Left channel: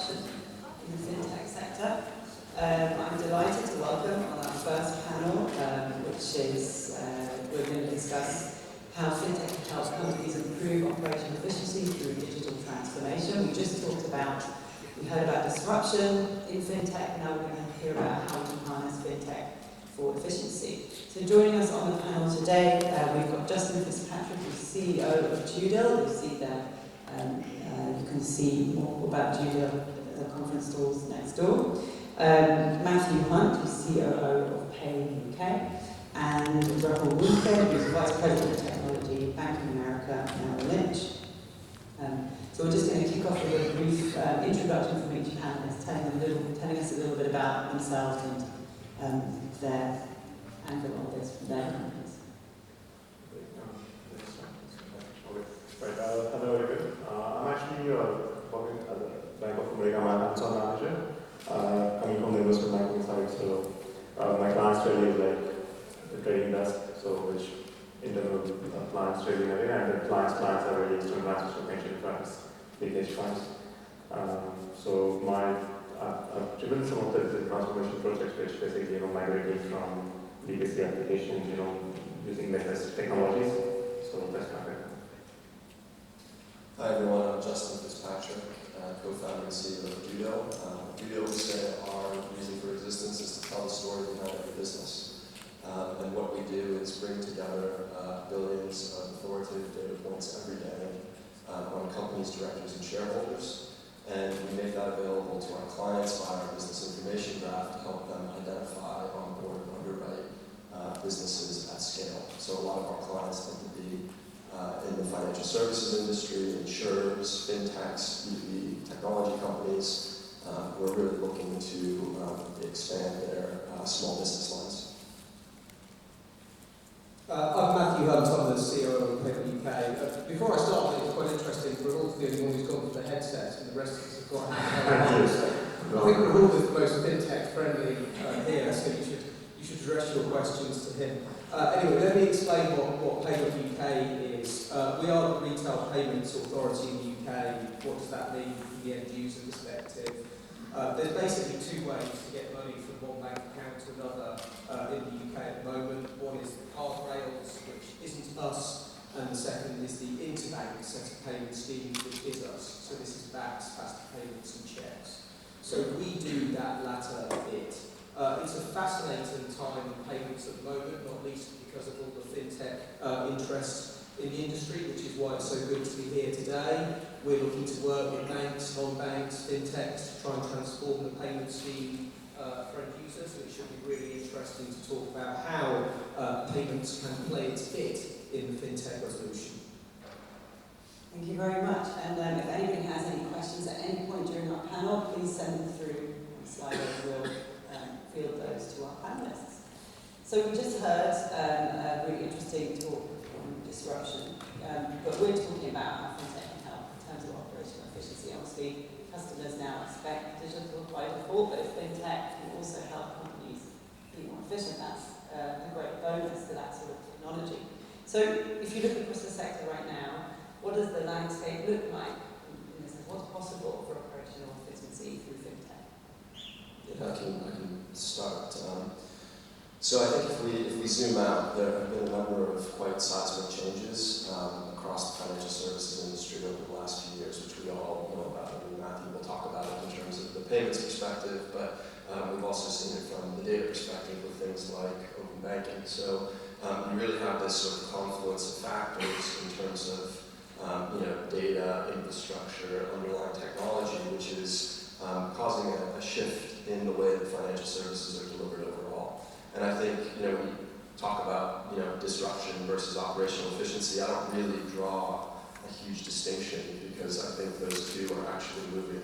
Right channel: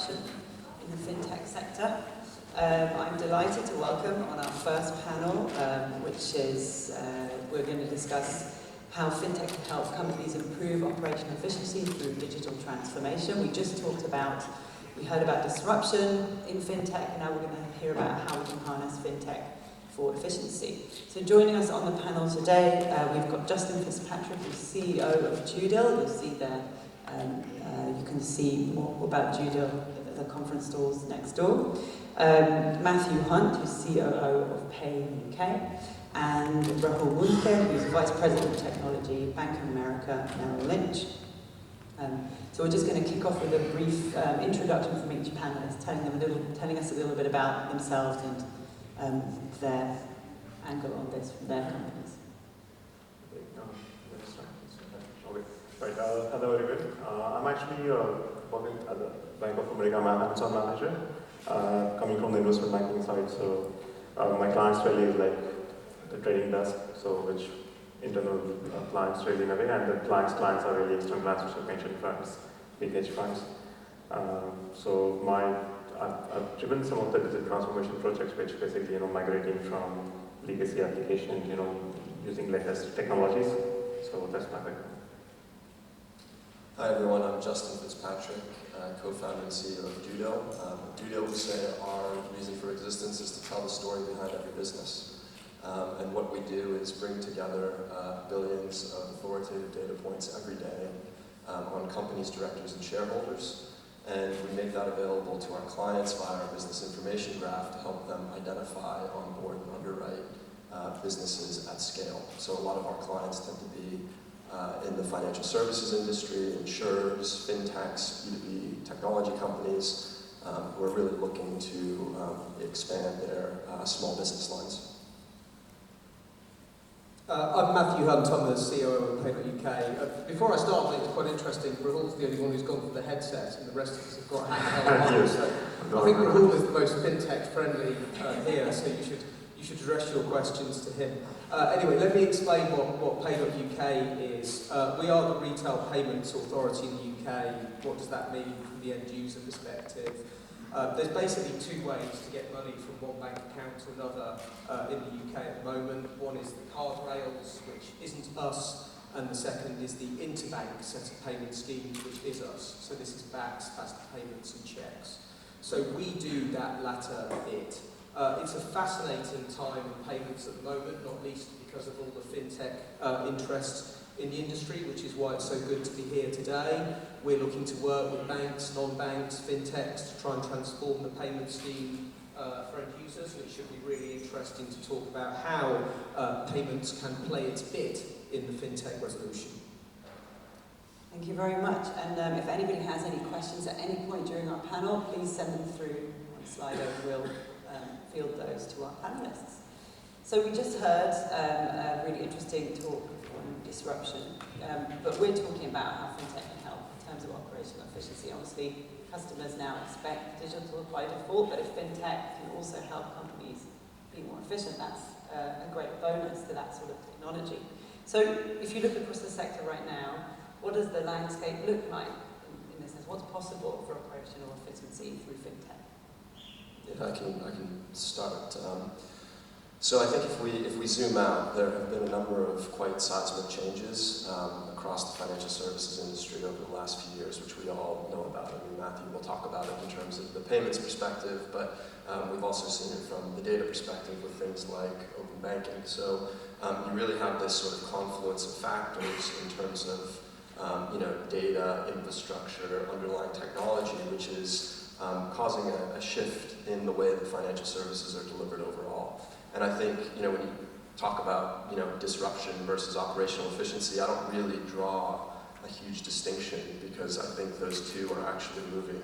disruption in the fintech sector. I'm delighted to welcome on our first panel, which is we're going to discuss how fintech can help companies improve operational efficiency through digital transformation. We heard about disruption in fintech, and now we're going to hear about how we can harness fintech for efficiency. So joining us on the panel today, we've got Justin Fitzpatrick, who's CEO of DueDil. You see there, you can see more about DueDil at the conference stalls next door. Matthew Hunt, who's COO of Pay UK, and Rahul Mundke, who's Vice President of Technology, Bank of America, Merrill Lynch. So we're just going to kick off with a brief introduction from each panelist, telling us a little bit about themselves and their angle on this from their companies. Right. Hello, everyone. I'm actually working as a Bank of America hands-on manager, coming from the investment banking side. So my clients really is like the trading desk, so which internal clients trading away, and the clients are really external clients, which are pension funds, big hedge funds. So I've driven some of the transformation projects, which basically migrating from legacy applications, using latest technologies. So that's my background. Hi everyone, I'm Justin Fitzpatrick, co-founder and CEO of DueDil. DueDil, we say our reason for existence is to tell the story behind every business. And what we do is bring together billions of authoritative data points every day on companies, directors, and shareholders. And we make that available to our clients via our business information graph to help them identify, onboard, and underwrite businesses at scale. So a lot of our clients tend to be in the financial services industry, insurers, fintechs, B2B technology companies who are really looking to expand their small business lines. I'm Matthew Hunt, I'm the CEO of Paper UK. Before I start, I think it's quite interesting, Rahul's the only one who's gone for the headset, and the rest of us have got hands. So I think Rahul is the most fintech friendly here, so you should address your questions to him. Anyway, let me explain what Paper UK is. We are the retail payments authority in the UK. What does that mean from the end user perspective? There's basically two ways to get money from one bank account to another in the UK at the moment. One is the card rails, which isn't us, and the second is the interbank set of payment schemes, which is us. So this is BACS, faster payments and checks. So we do that latter bit. It's a fascinating time in payments at the moment, not least because of all the fintech interest in the industry, which is why it's so good to be here today. We're looking to work with banks, non-banks, fintechs to try and transform the payment scheme for end users. So it should be really interesting to talk about how payments can play its bit in the fintech resolution. Thank you very much. And if anybody has any questions at any point during our panel, please send them through on Slido. We'll field those to our panelists. So we just heard a really interesting talk on disruption, but we're talking about how fintech can help in terms of operational efficiency. Obviously, customers now expect digital by default, but if fintech can also help companies be more efficient, that's a great bonus to that sort of technology. So if you look across the sector right now, what does the landscape look like in this sense? What's possible for operational efficiency through fintech? Yeah, I can start. So I think if we zoom out, there have been a number of quite seismic changes across the financial services industry over the last few years, which we all know about. I mean, Matthew will talk about it in terms of the payments perspective, but we've also seen it from the data perspective with things like open banking. So you really have this sort of confluence of factors in terms of data, infrastructure, underlying technology, which is causing a shift in the way that financial services are delivered overall. And I think, when you talk about, disruption versus operational efficiency, I don't really draw a huge distinction because I think those two are actually moving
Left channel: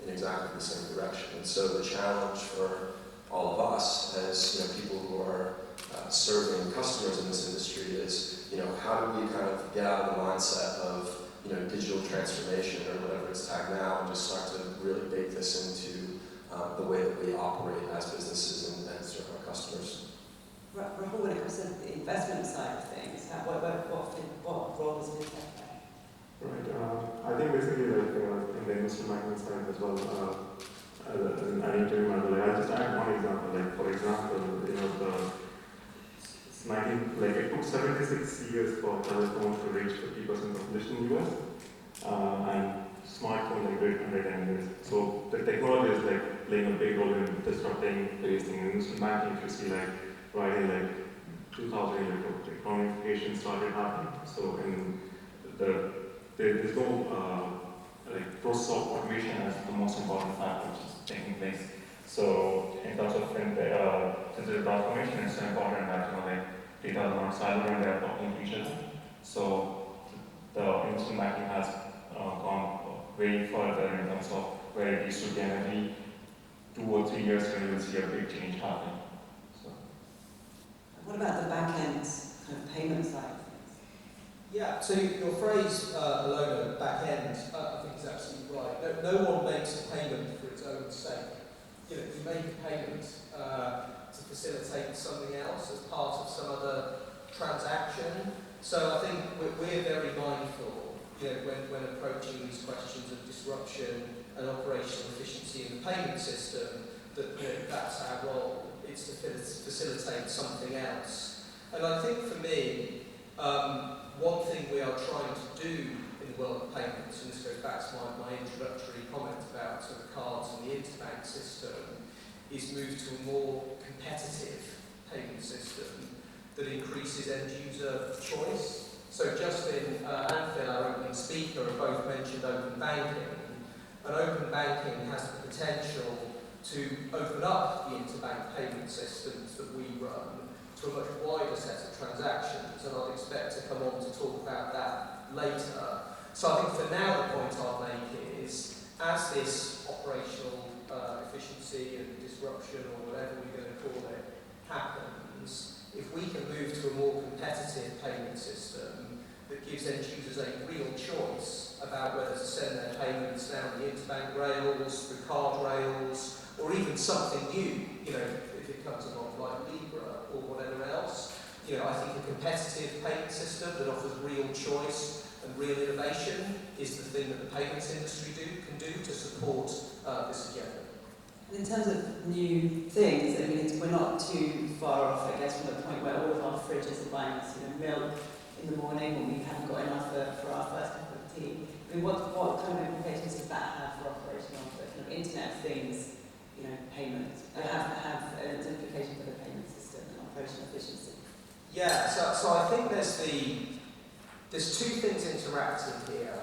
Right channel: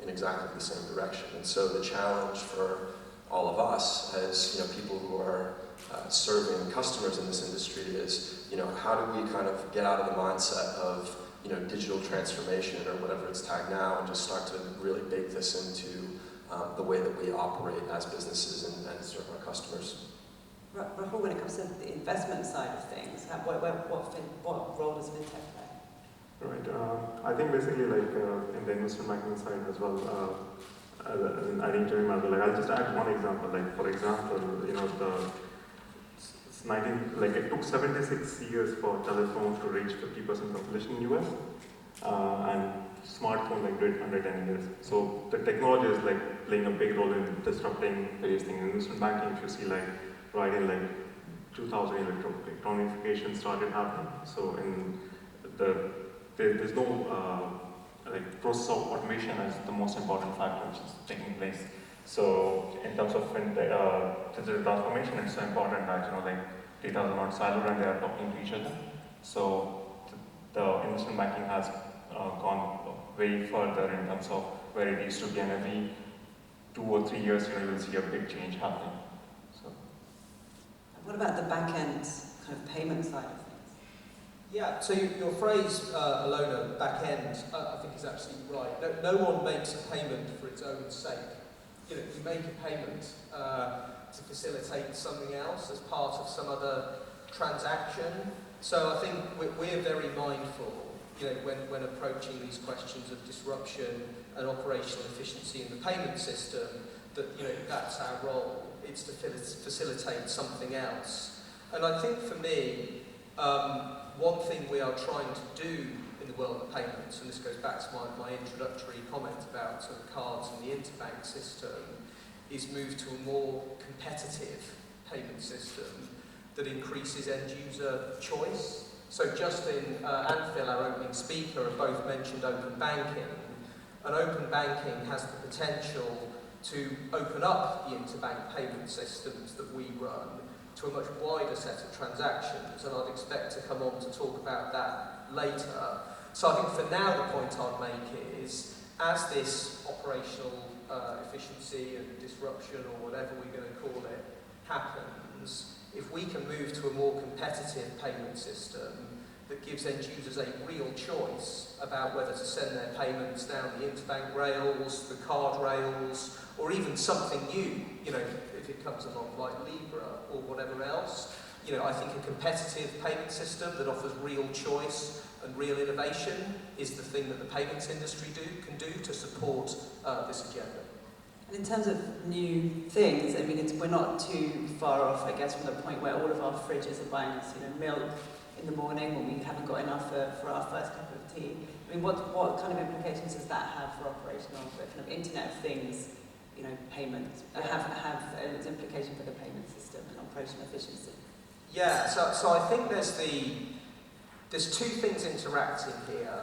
in exactly the same direction. And so the challenge for all of us as, people who are serving customers in this industry is, how do we kind of get out of the mindset of, digital transformation or whatever it's tagged now and just start to really bake this into the way that we operate as businesses and serve our customers. Rahul, when it comes to the investment side of things, what role does fintech play? Right. I think basically like in the investment banking side as well, I need to remember, like I'll just add one example, like for example, it took 76 years for telephones to reach 50% population in US, and smartphone like did 110 years. So the technology is like playing a big role in disrupting various things. In investment banking, if you see like right in like 2000, electronification started happening. So in there's no like process of automation as the most important factor which is taking place. So in terms of digital transformation, it's so important that like data is not siloed and they are talking to each other. So the investment banking has gone way further in terms of where it used to be, and every 2 or 3 years you will see a big change happening. So. What about the back end kind of payment side of things? Yeah, so your phrase, Alona, back end, I think is absolutely right. No one makes a payment for its own sake. You make a payment to facilitate something else as part of some other transaction. So I think we're very mindful, when approaching these questions of disruption and operational efficiency in the payment system, that that's our role. It's to facilitate something else. And I think for me, one thing we are trying to do in the world of payments, and this goes back to my introductory comment about sort of cards and the interbank system, is move to a more competitive payment system that increases end user choice. So Justin and Phil, our opening speaker, have both mentioned open banking, and open banking has the potential to open up the interbank payment systems that we run to a much wider set of transactions, and I'd expect to come on to talk about that later. So I think for now the point I'd make is, as this operational efficiency and disruption, or whatever we're going to call it, happens, if we can move to a more competitive payment system that gives end users a real choice about whether to send their payments down the interbank rails, the card rails, or even something new, if it comes along like Libra or whatever else. I think a competitive payment system that offers real choice and real innovation is the thing that the payments industry can do to support this agenda. And in terms of new things, we're not too far off, I guess, from the point where all of our fridges are buying us, milk in the morning when we haven't got enough for our first cup of tea. What kind of implications does that have for operational, kind of Internet of Things, payments? Have its implication for the payment system and operational efficiency? Yeah, so I think there's two things interacting here.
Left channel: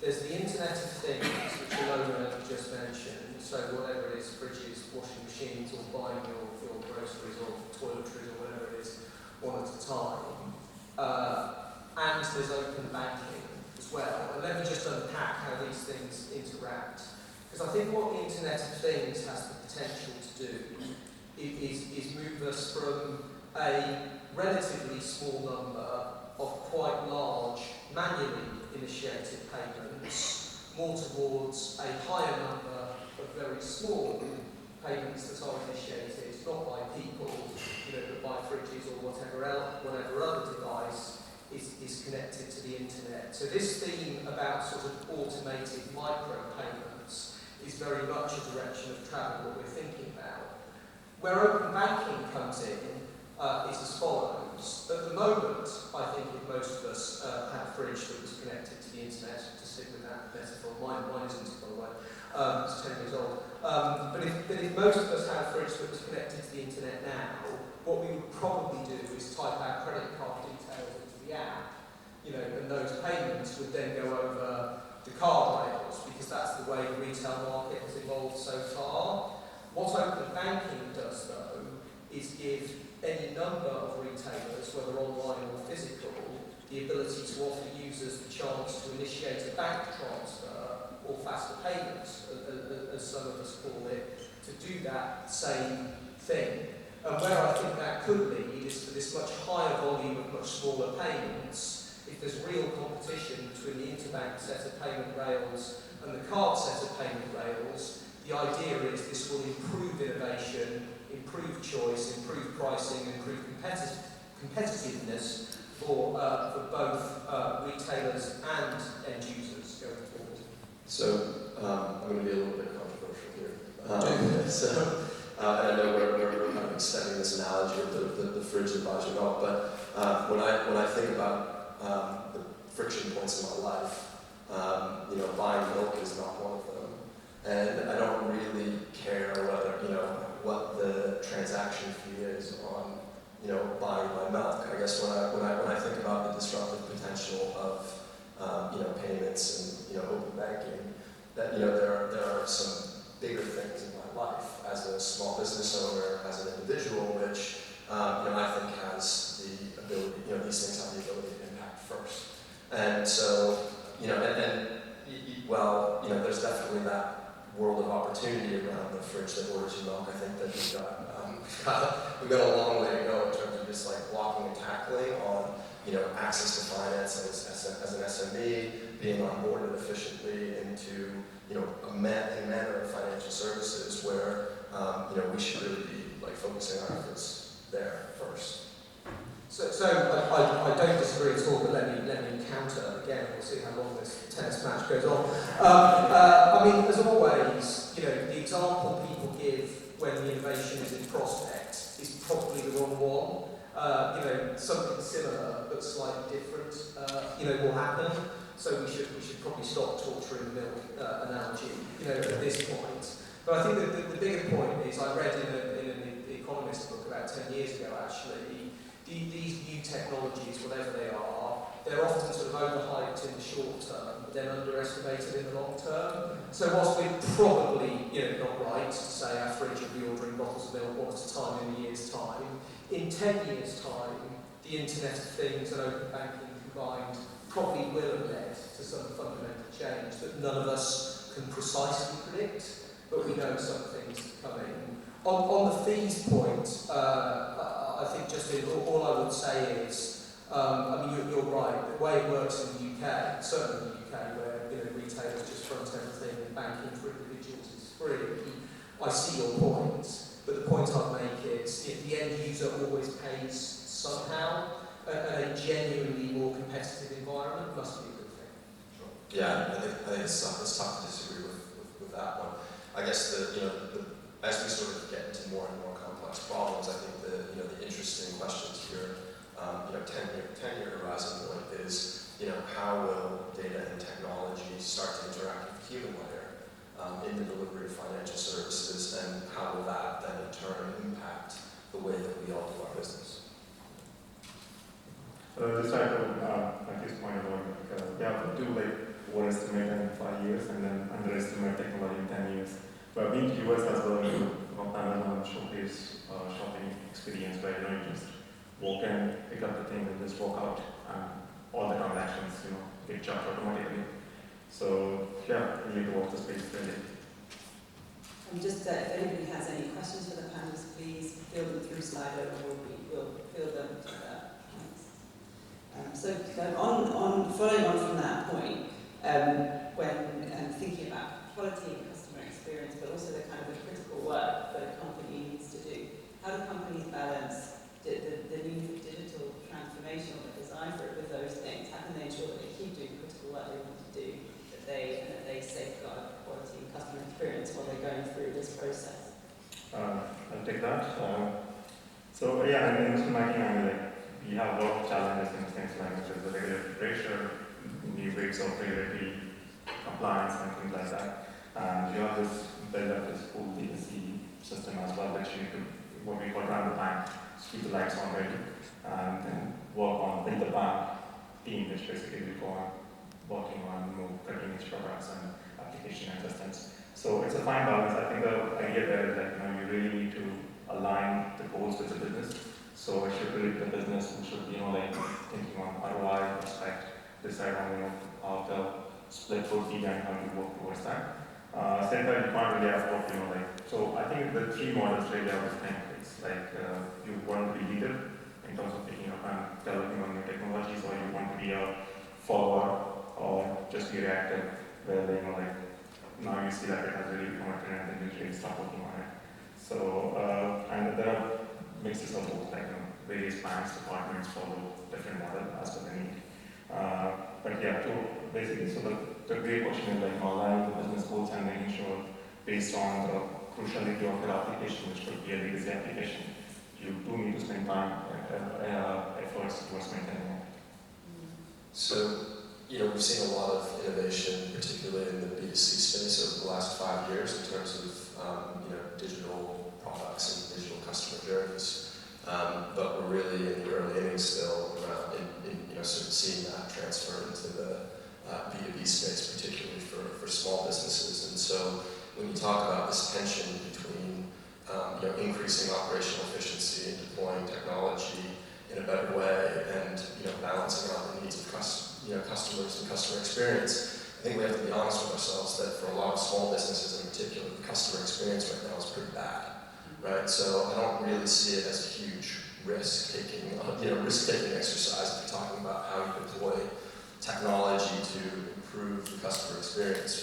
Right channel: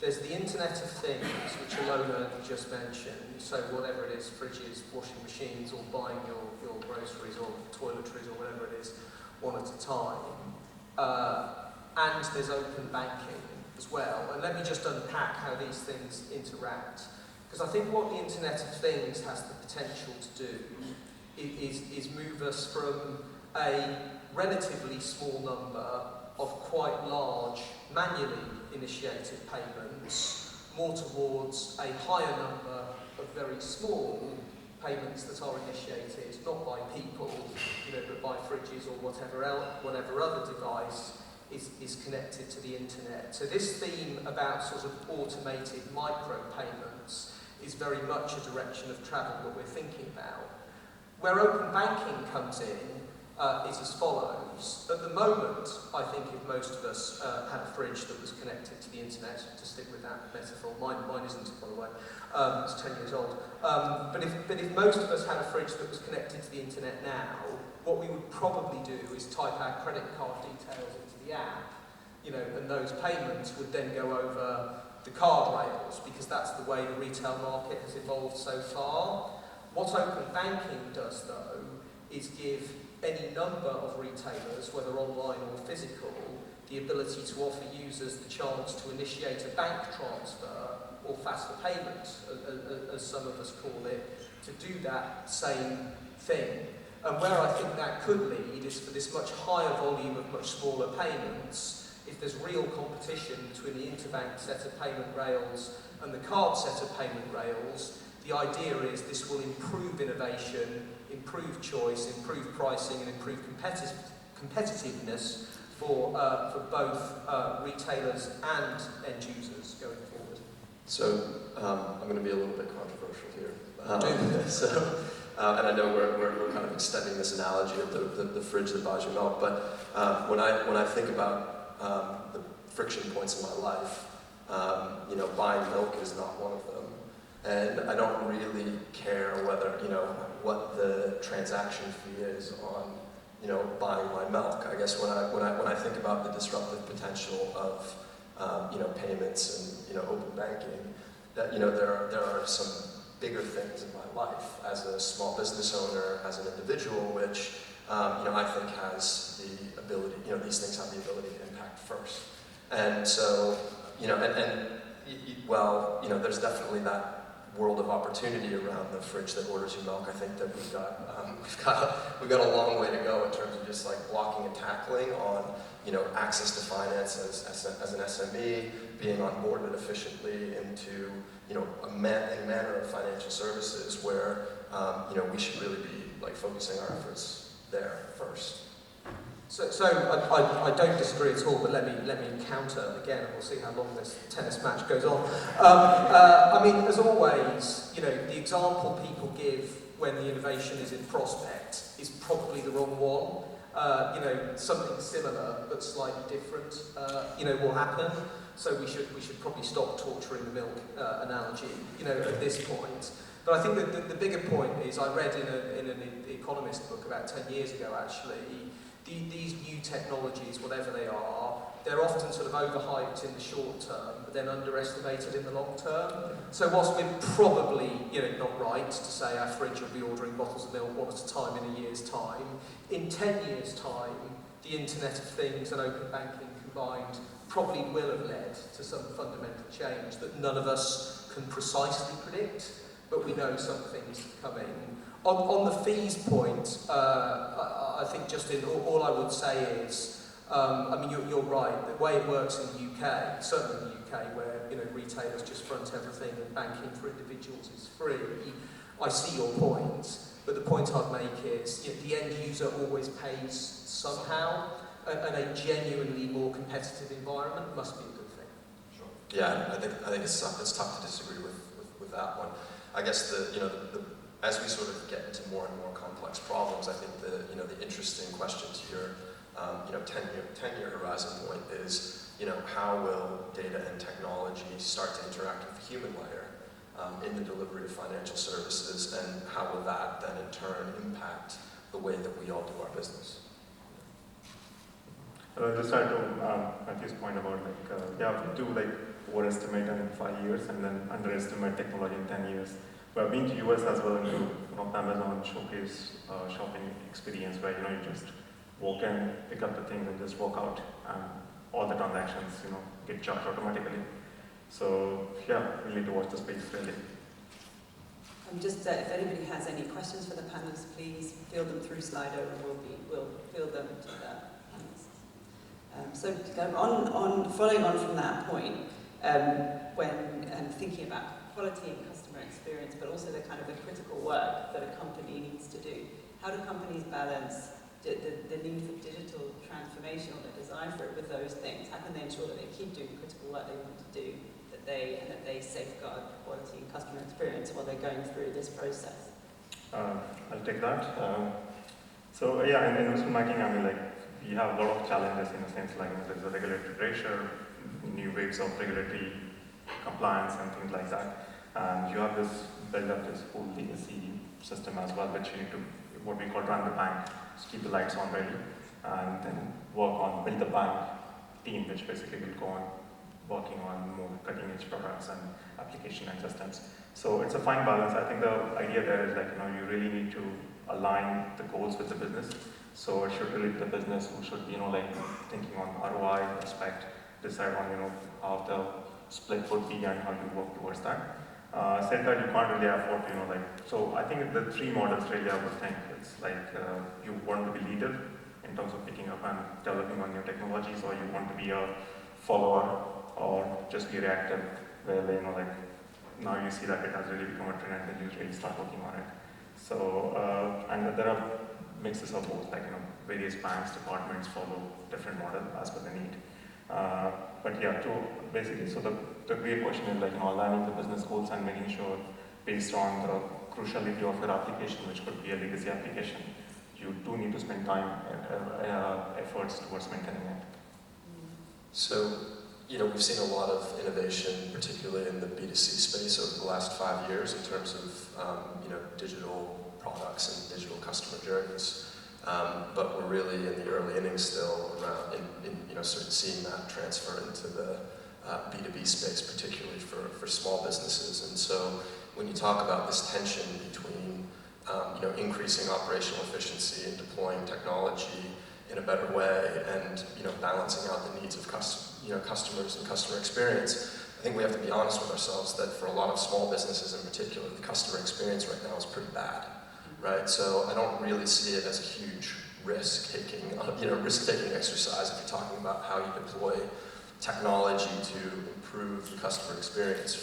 There's the Internet of Things, which Alona just mentioned, so whatever it is, fridges, washing machines, or buying your groceries or toiletries or whatever it is, one at a time. And there's open banking as well. And let me just unpack how these things interact. Because I think what the Internet of Things has the potential to do is move us from a relatively small number of quite large manually initiated payments more towards a higher number of very small payments that are initiated not by people, but by fridges or whatever other device is connected to the internet. So this theme about sort of automated micro payments is very much a direction of travel that we're thinking about. Where open banking comes in is as follows. At the moment, I think if most of us had a fridge that was connected to the internet, to stick with that metaphor, mine isn't, by the way, it's 10 years old. But if most of us had a fridge that was connected to the internet now, what we would probably do is type our credit card details into the app, and those payments would then go over the card rails, because that's the way the retail market has evolved so far. What open banking does, though, is give any number of retailers, whether online or physical, the ability to offer users the chance to initiate a bank transfer or faster payments, as some of us call it, to do that same thing. And where I think that could lead is for this much higher volume of much smaller payments. If there's real competition between the interbank set of payment rails and the card set of payment rails, the idea is this will improve innovation, improve choice, improve pricing, improve competitiveness for both retailers and end users going forward? So I'm going to be a little bit controversial here. And I know we're kind of extending this analogy of the fridge that buys you milk, but when I think about the friction points in my life, buying milk is not one of them, and I don't really care whether what the transaction fee is on buying my milk. I guess when I think about the disruptive potential of payments and open banking, that there are some bigger things in my life as a small business owner, as an individual, which I think has the ability, these things have the ability to impact first. And so, there's definitely that world of opportunity around the fridge that orders you milk. I think that we've got a long way to go in terms of just like blocking and tackling on access to finance as an SME, being onboarded efficiently into a manner of financial services where we should really be like focusing our efforts there first. So I don't disagree at all, but let me counter again, and we'll see how long this tennis match goes on. I mean, as always, the example people give when the innovation is in prospect is probably the wrong one. Something similar but slightly different, will happen. So we should probably stop torturing the milk analogy, at this point. But I think that the bigger point is, I read in an Economist book about 10 years ago, actually, these new technologies, whatever they are, they're often sort of overhyped in the short term, but then underestimated in the long term. So whilst we're probably, not right to say our fridge will be ordering bottles of milk one at a time in a year's time, in 10 years' time, the Internet of Things and open banking combined probably will have led to some fundamental change that none of us can precisely predict, but we know some things are coming. On the fees point, I think just all I would say is, you're right, the way it works in the UK, certainly in the UK, where retailers just front everything and banking for individuals is free, I see your point, but the point I'd make is the end user always pays somehow, and a genuinely more competitive environment must be a good thing. Sure. Yeah, I think it's tough to disagree with that one. I guess as we sort of get into more and more complex problems, I think the interesting questions here, 10-year horizon point is, how will data and technology start to interact with the human layer in the delivery of financial services, and how will that then in turn impact the way that we all do our business? Just try to Matthew's point about we do overestimate in 5 years and then underestimate technology in 10 years. But I've been to US as well, to Amazon showcase shopping experience where you just walk in, pick up the thing, and just walk out, and all the transactions get charged automatically. So we need to watch the space really. Just if anybody has any questions for the panelists, please field them through Slido, and we'll field them to the panelists. On following on from that point, when thinking about quality and customer experience, but also the kind of the critical work that a company needs to do, how do companies balance the need for digital transformation or the desire for it with those things? How can they ensure that they keep doing the critical work they want to do, that they safeguard quality and customer experience while they're going through this process? I'll take that. In investment banking, we have a lot of challenges in things like there's the regulatory pressure, new waves of regulatory compliance and things like that. And you have build up this whole legacy system as well, which you need to, what we call run the bank, just keep the lights on ready, and then build the bank team, which basically will go on working on more cutting edge products and application and systems. So it's a fine balance. I think the idea there is you really need to align the goals with the business. So it should really be the business who should be thinking on ROI, prospect, decide on how the split would be and how you work towards that. Said that you can't really afford so I think the three models really I would think it's you want to be leader in terms of picking up and developing on new technologies, or you want to be a follower or just be reactive, where now you see that it has really become a trend and you really start working on it. So and there are mixes of both, like various banks, departments follow different model as per the need. But yeah, basically, so the real question is like aligning the business goals and making sure based on the cruciality of your application, which could be a legacy application, you do need to spend time and efforts towards maintaining it. So, we've seen a lot of innovation, particularly in the B2C space over the last 5 years in terms of, digital products and digital customer journeys. But we're really in the early innings still around sort of seeing that transfer into the B2B space, particularly for small businesses. And so when you talk about this tension between increasing operational efficiency and deploying technology in a better way and balancing out the needs of customers and customer experience, I think we have to be honest with ourselves that for a lot of small businesses in particular, the customer experience right now is pretty bad, right? So I don't really see it as a huge risk-taking exercise if you're talking about how you deploy technology to improve the customer experience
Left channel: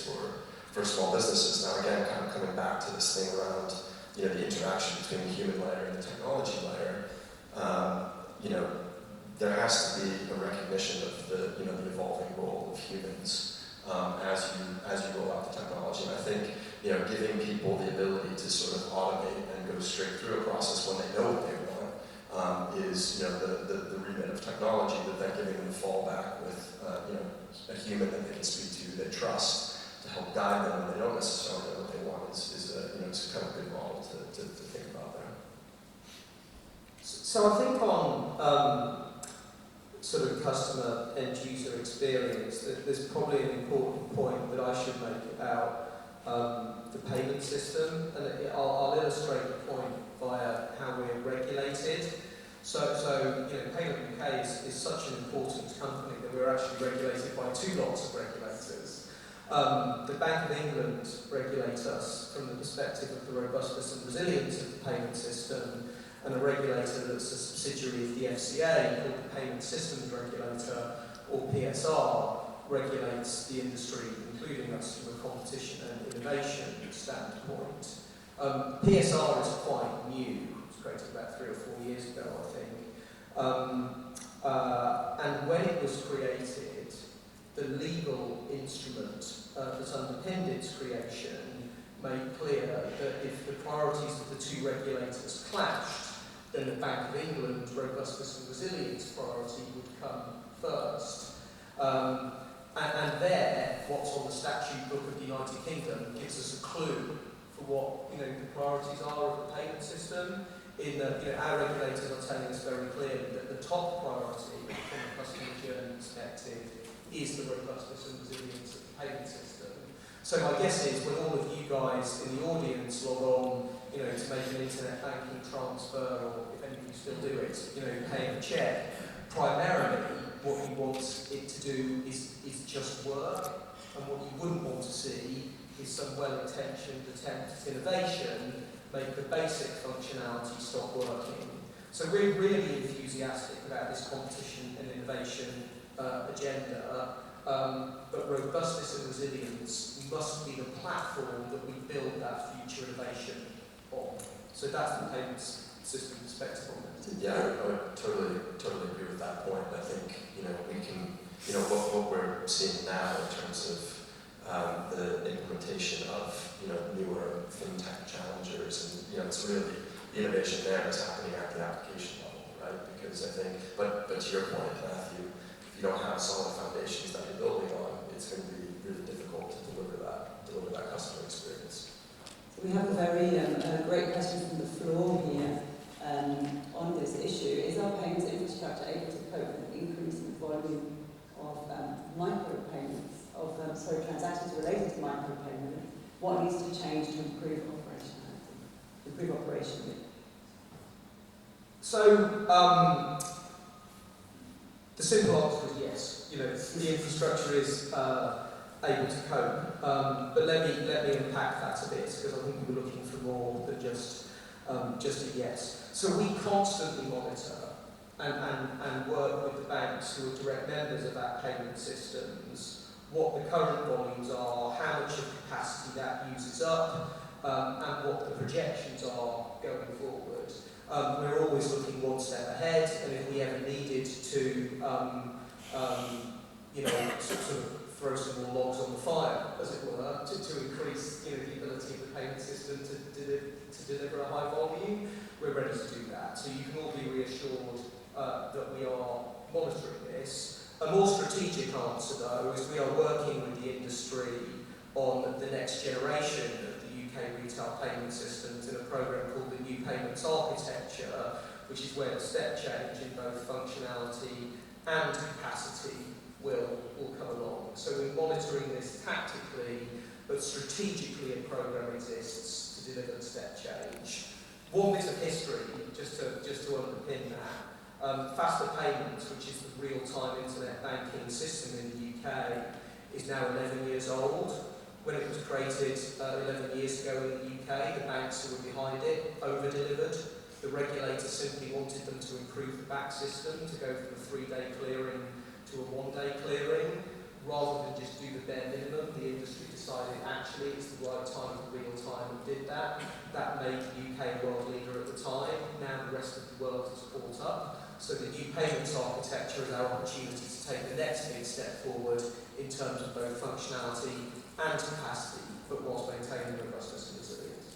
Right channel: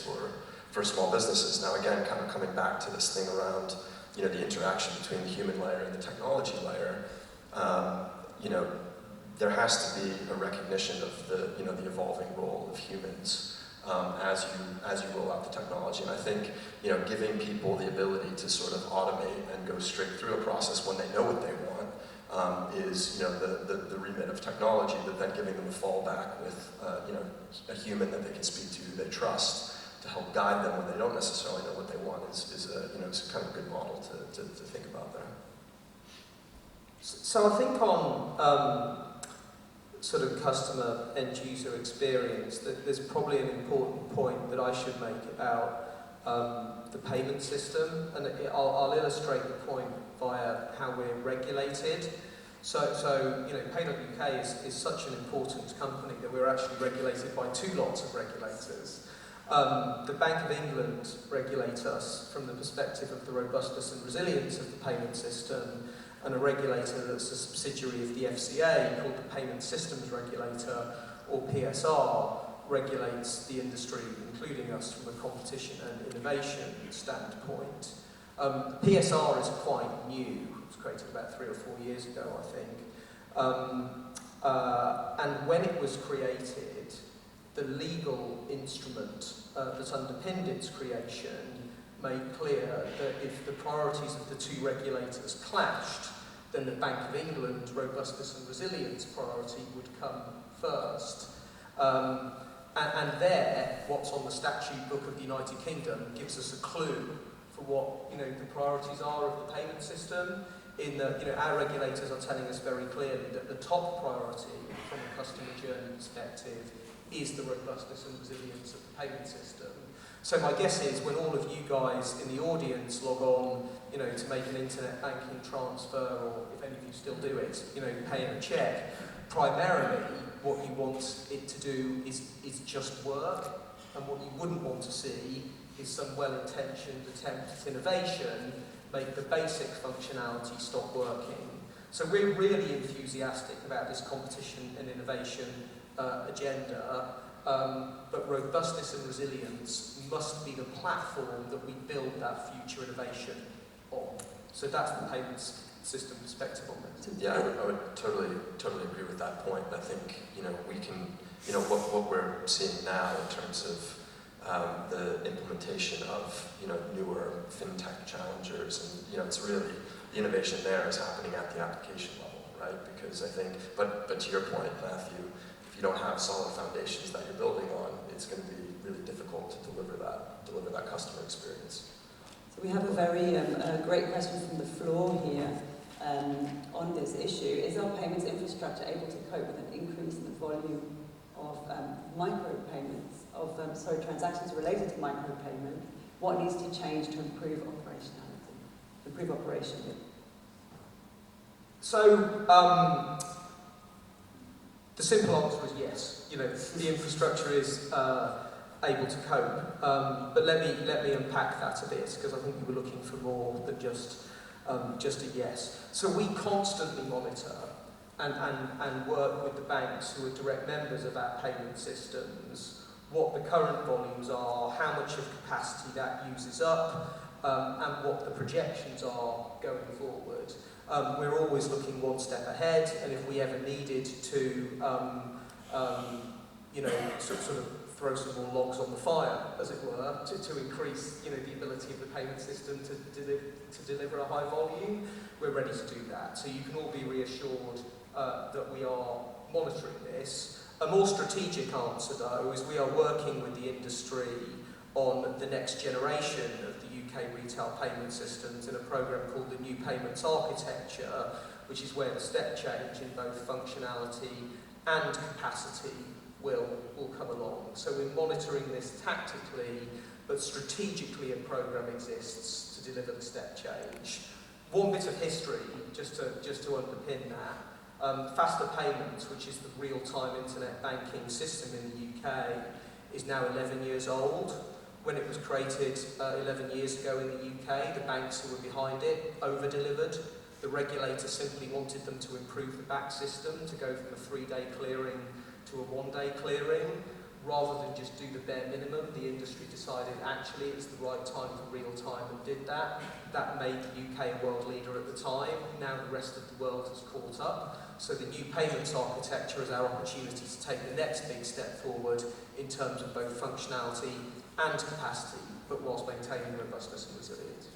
for small businesses. Now again, kind of coming back to this thing around the interaction between the human layer and the technology layer, there has to be a recognition of the the evolving role of humans as you roll out the technology. And I think giving people the ability to sort of automate and go straight through a process when they know what they want is the remit of technology. But then giving them a fallback with a human that they can speak to, they trust, to help guide them when they don't necessarily know what they want is it's a kind of good model to think about there. So I think on sort of customer end user experience, there's probably an important point that I should make about the payment system, and I'll illustrate the point via how we're regulated. So Payment UK is such an important company that we're actually regulated by two lots of regulators. The Bank of England regulates us from the perspective of the robustness and resilience of the payment system, and a regulator that's a subsidiary of the FCA called the Payment Systems Regulator, or PSR, regulates the industry, including us, from a competition and innovation standpoint. PSR is quite new. It was created about 3 or 4 years ago, I think. And when it was created, the legal instrument that underpinned its creation made clear that if the priorities of the two regulators clashed, then the Bank of England's robustness and resilience priority would come first. And there, what's on the statute book of the United Kingdom gives us a clue for what the priorities are of the payment system. In that our regulators are telling us very clearly that the top priority from a customer journey perspective is the robustness and resilience of the payment system. So my guess is when all of you guys in the audience log on, to make an internet banking transfer, or if any of you still do it, paying a check, primarily what you want it to do is just work, and what you wouldn't want to see is some well-intentioned attempt at innovation make the basic functionality stop working. So we're really enthusiastic about this competition and innovation agenda, but robustness and resilience must be the platform that we build that future innovation on. So that's the payments system perspective on it. Yeah, I would totally agree with that point. I think we can what we're seeing now in terms of the implementation of newer fintech challengers, and it's really the innovation there is happening at the application level, right? Because I think, but to your point, Matthew, if you don't have solid foundations that you're building on, it's going to be really difficult to deliver that customer experience. So we have a very great question from the floor here on this issue. Is our payments infrastructure able to cope with an increase in the volume of micropayments, transactions related to micropayment? What needs to change to improve operationality, improve operation? So the simple answer is yes. The infrastructure is able to cope. But let me unpack that a bit, because I think we were looking for more than just a yes. So we constantly monitor and work with the banks who are direct members of our payment systems, what the current volumes are, how much of capacity that uses up, and what the projections are going forward. we're always looking one step ahead, and if we ever needed to, sort of throw some more logs on the fire, as it were, to increase, the ability of the payment system to deliver a high volume, we're ready to do that. So you can all be reassured that we are monitoring this. A more strategic answer, though, is we are working with the industry on the next generation of the UK retail payment systems in a programme called the New Payments Architecture, which is where the step change in both functionality and capacity will come along. So we're monitoring this tactically, but strategically a programme exists to deliver the step change. One bit of history, just to underpin that, Faster Payments, which is the real-time internet banking system in the UK, is now 11 years old. When it was created 11 years ago in the UK, the banks who were behind it over-delivered. The regulator simply wanted them to improve the back system, to go from a 3-day clearing to a 1-day clearing. Rather than just do the bare minimum, the industry decided actually it's the right time for real time and did that. That made the UK a world leader at the time. Now the rest of the world has caught up. So the New Payments Architecture is our opportunity to take the next big step forward in terms of both functionality and capacity, but whilst maintaining robustness and resilience.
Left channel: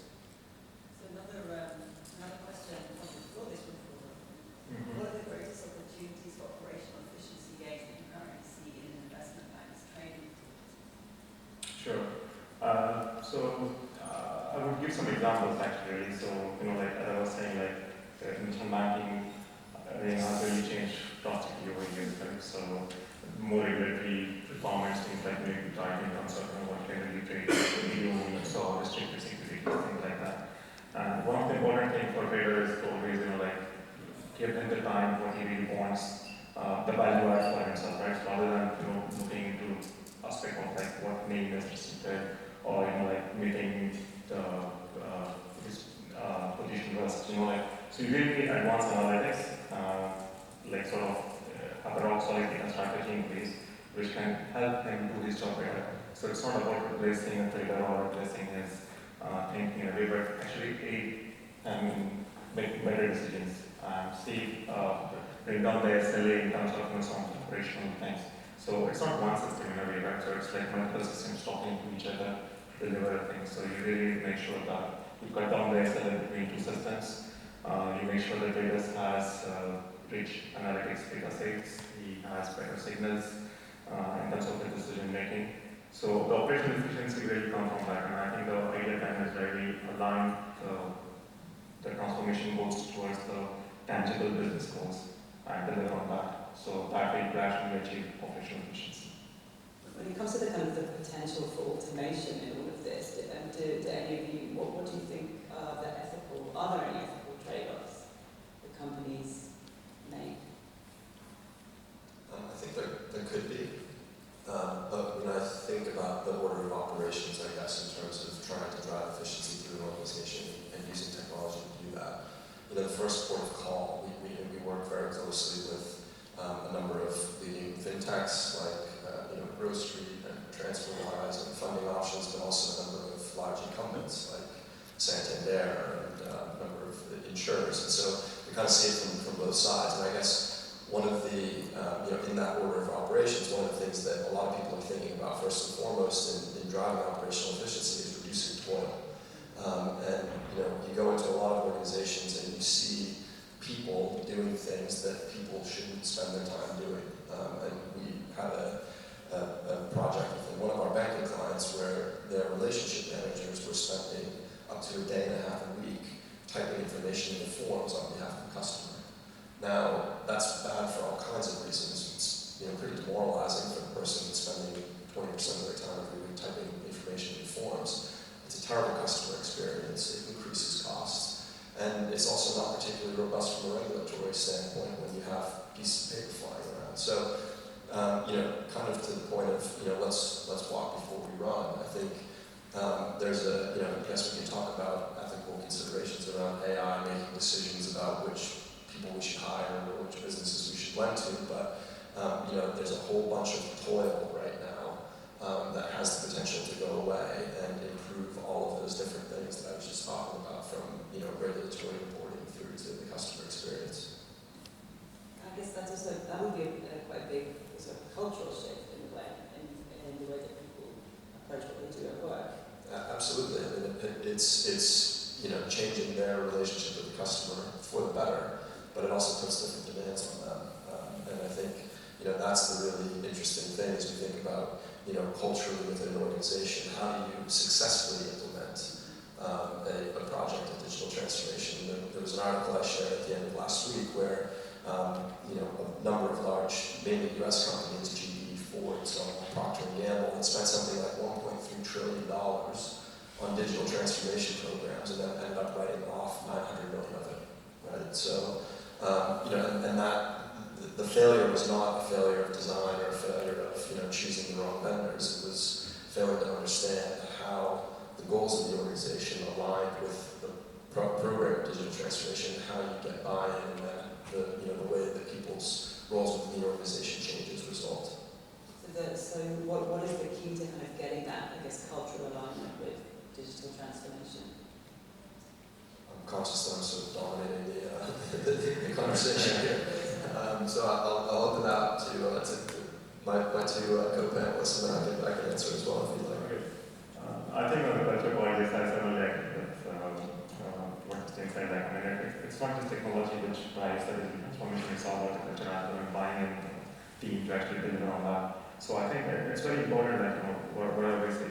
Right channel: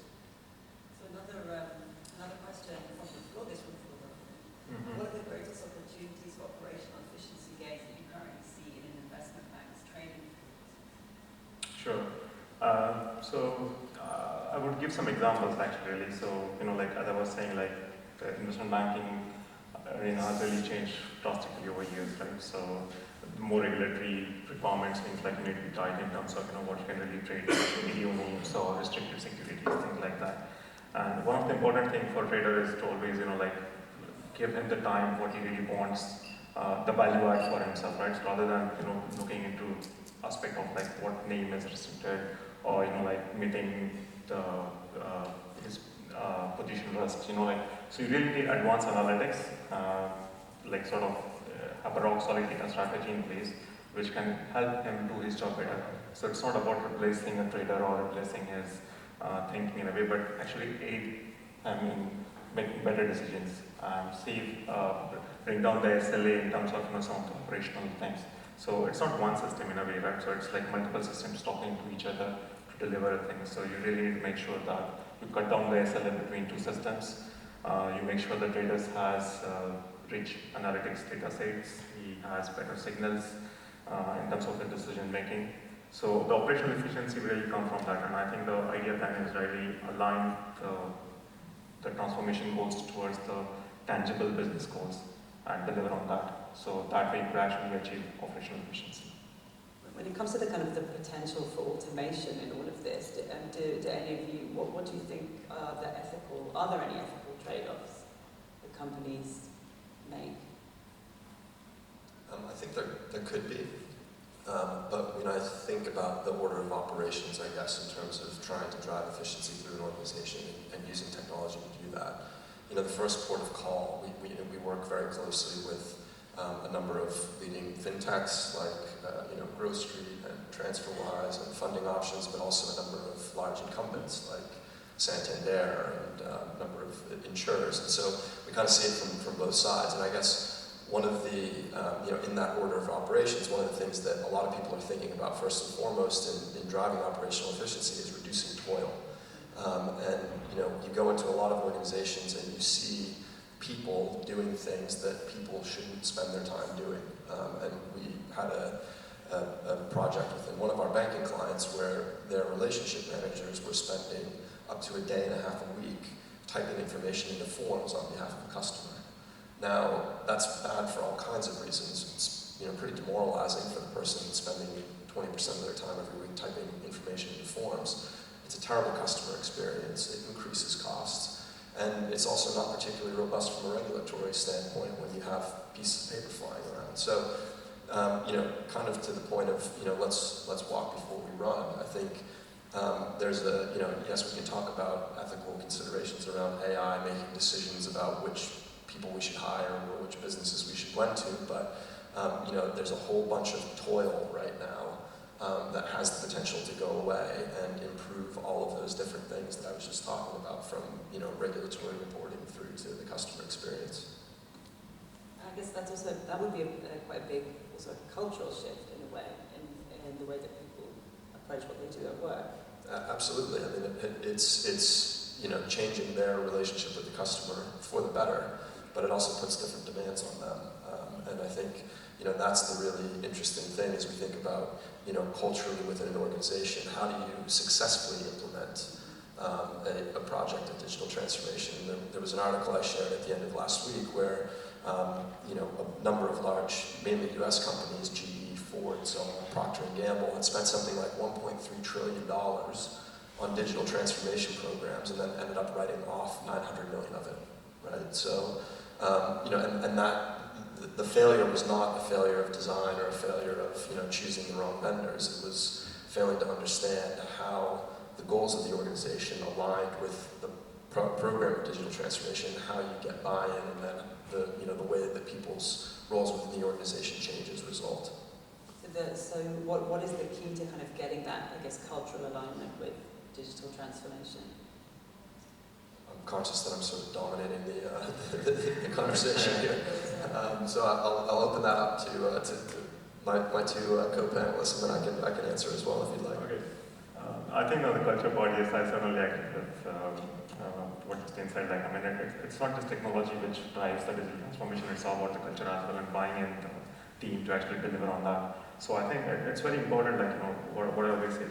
So another question on the floor, this one. What are the greatest opportunities for operational efficiency gains that you currently see in an investment bank's training? Sure. I would give some examples actually. Really. So, like as I was saying, like the investment banking arena has really changed drastically over years, right? So, more regulatory requirements, things like maybe tight in terms of what you can really trade, video movements or restricted securities, things like that. And one of the important things for traders is to always, give him the time what he really wants, the value add for himself, right? So rather than looking into aspect of like what name is restricted or like meeting the his position risk, so you really need advanced analytics, like sort of have a rock solid data strategy in place which can help him do his job better. So it's not about replacing a trader or replacing his thinking in a way, but actually aid and make better decisions. Bring down the SLA in terms of some of the operational things. So it's not one system in a way, right? So it's like multiple systems talking to each other to deliver things. So you really need to make sure that you cut down the SLA between two systems. You make sure the trader has rich analytics data sets. He has better signals in terms of the decision making. So the operational efficiency will really come from that, and I think the idea then is really align the transformation goals towards the tangible business goals and deliver on that. So that way you could actually achieve operational efficiency. When it comes to the kind of the potential for automation in all of this, do any of you, what do you think are there any ethical trade-offs that companies make? I think there could be. But when I think about the order of operations, I guess, in terms of trying to drive efficiency through an organization and using technology to do that, the first port of call, we work very closely with a number of leading fintechs like Growth Street and TransferWise and Funding Options, but also a number of large incumbents like Santander and a number of insurers. And so we kind of see it from both sides. And I guess one of the, in that order of operations, one of the things that a lot of people are thinking about first and foremost in driving operational efficiency is reducing toil. You go into a lot of organizations and you see people doing things that people shouldn't spend their time doing. And we had a project within one of our banking clients where their relationship managers were spending up to a day and a half a week typing information into forms on behalf of the customer. Now, that's bad for all kinds of reasons. It's pretty demoralizing for the person spending 20% of their time every week typing information into forms. It's a terrible customer experience. It increases costs. And it's also not particularly robust from a regulatory standpoint when you have pieces of paper flying around. So, kind of to the point of, let's walk before we run. I think there's yes, we can talk about ethical considerations around AI, making decisions about which people we should hire or which businesses we should lend to, but there's a whole bunch of toil right now that has the potential to go away and improve all of those different things that I was just talking about, from regulatory reporting through to the customer experience. I guess that would be quite a big sort of cultural shift in a way, in the way that people approach what they do at work. Absolutely. I mean, it's changing their relationship with the customer for the better, but it also puts different demands on them. And I think that's the really interesting thing as we think about culturally within an organization. How do you successfully implement a project of digital transformation? There was an article I shared at the end of last week where a number of large, mainly U.S. companies, GE, Ford, so on, Procter & Gamble, had spent something like $1.3 trillion on digital transformation programs, and then ended up writing off 900 million of it, right? So, and that the failure was not a failure of design or a failure of choosing the wrong vendors. It was failing to understand how the goals of the organization aligned with the program of digital transformation, how you get buy-in, and then the way that people's roles within the organization change as a result. So what is the key to kind of getting that, I guess, cultural alignment with digital transformation? I'm conscious that I'm sort of dominating the conversation here. So I'll open that up to my two co-panelists, and then I can answer as well if you'd like. Okay. I think on the culture part, yes, I certainly agree with what Christine said. Like, I mean, it's not just technology which drives the digital transformation. It's all about the culture as well, and buying in the team to actually deliver on that. So I think it's very important that whatever we say,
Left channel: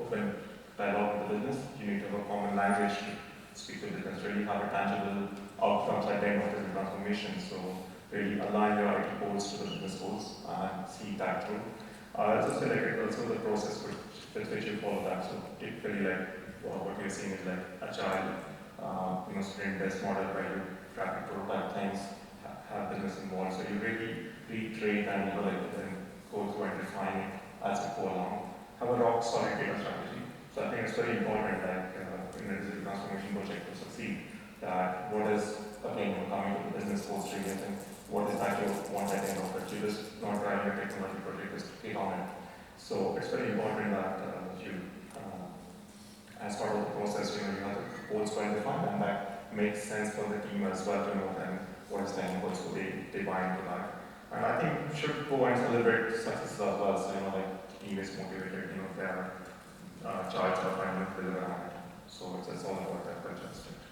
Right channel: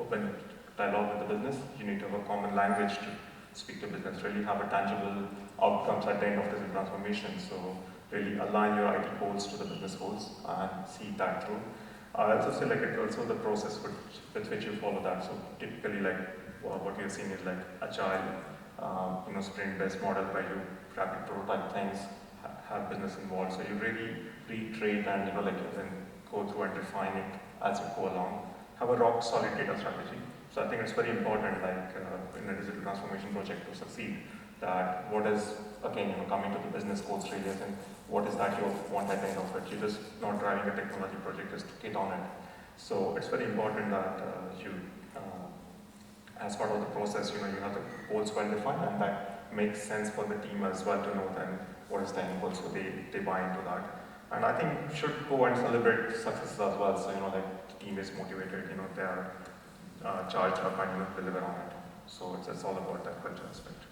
open dialogue with the business. You need to have a common language to speak to business. Really have a tangible outcomes at the end of digital transformation. So really align your IT goals to the business goals and see that through. I also say it's also the process with which you follow that. So typically what we are seeing is agile, sprint-based model where you rapid prototype things, have business involved. So you really retrain and then go through and define it as you go along. Have a rock solid data strategy. So I think it's very important, in a digital transformation project to succeed, that what is, again, coming to the business goals really, I think, what is that you want at the end of it? You're just not driving a technology project, just to get on it. So it's very important that as part of the process, you have the goals well defined, and that makes sense for the team as well to know then what is the end goal, so they buy into that. And I think you should go and celebrate successes as well. So the team is motivated, they are charged or finding to deliver on it. So it's all about that culture aspect.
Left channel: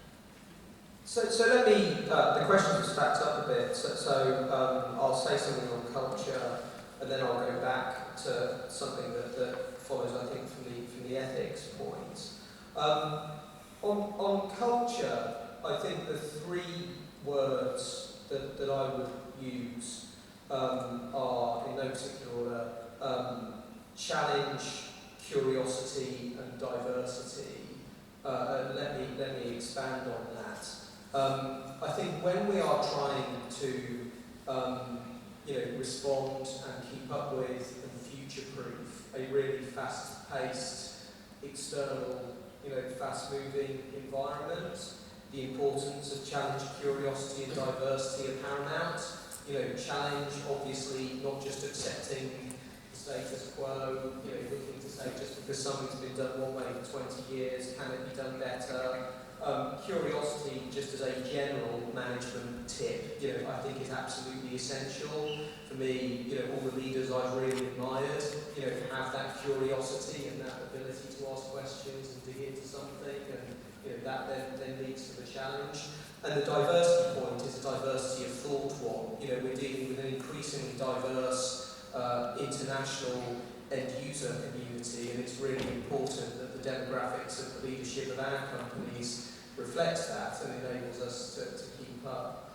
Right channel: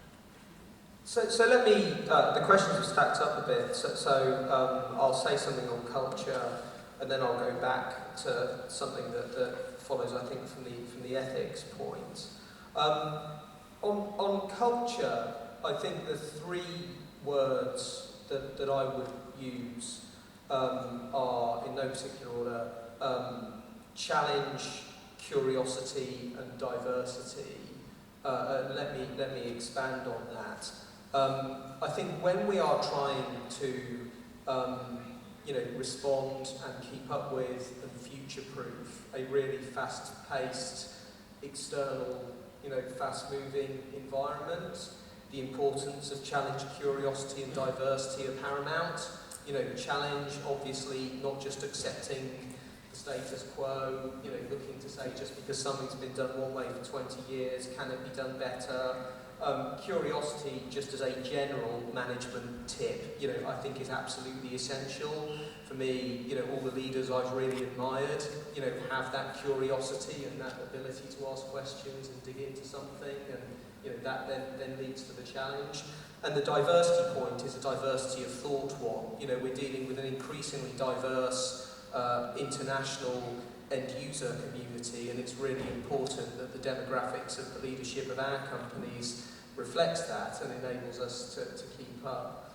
So let me, the questions are stacked up a bit, so I'll say something on culture, and then I'll go back to something that follows, I think, from the ethics point. On culture, I think the three words that I would use are, in no particular order, challenge, curiosity, and diversity. Let me expand on that. I think when we are trying to respond and keep up with and future-proof a really fast-paced, external, fast-moving environment, the importance of challenge, curiosity, and diversity are paramount. Challenge, obviously, not just accepting the status quo, looking to say just because something's been done one way for 20 years, can it be done better? Curiosity, just as a general management tip, I think is absolutely essential. For me, all the leaders I've really admired, have that curiosity and that ability to ask questions and dig into something, and that then leads to the challenge. And the diversity point is a diversity of thought one. We're dealing with an increasingly diverse international end-user community, and it's really important that the demographics of the leadership of our companies reflects that and enables us to keep up.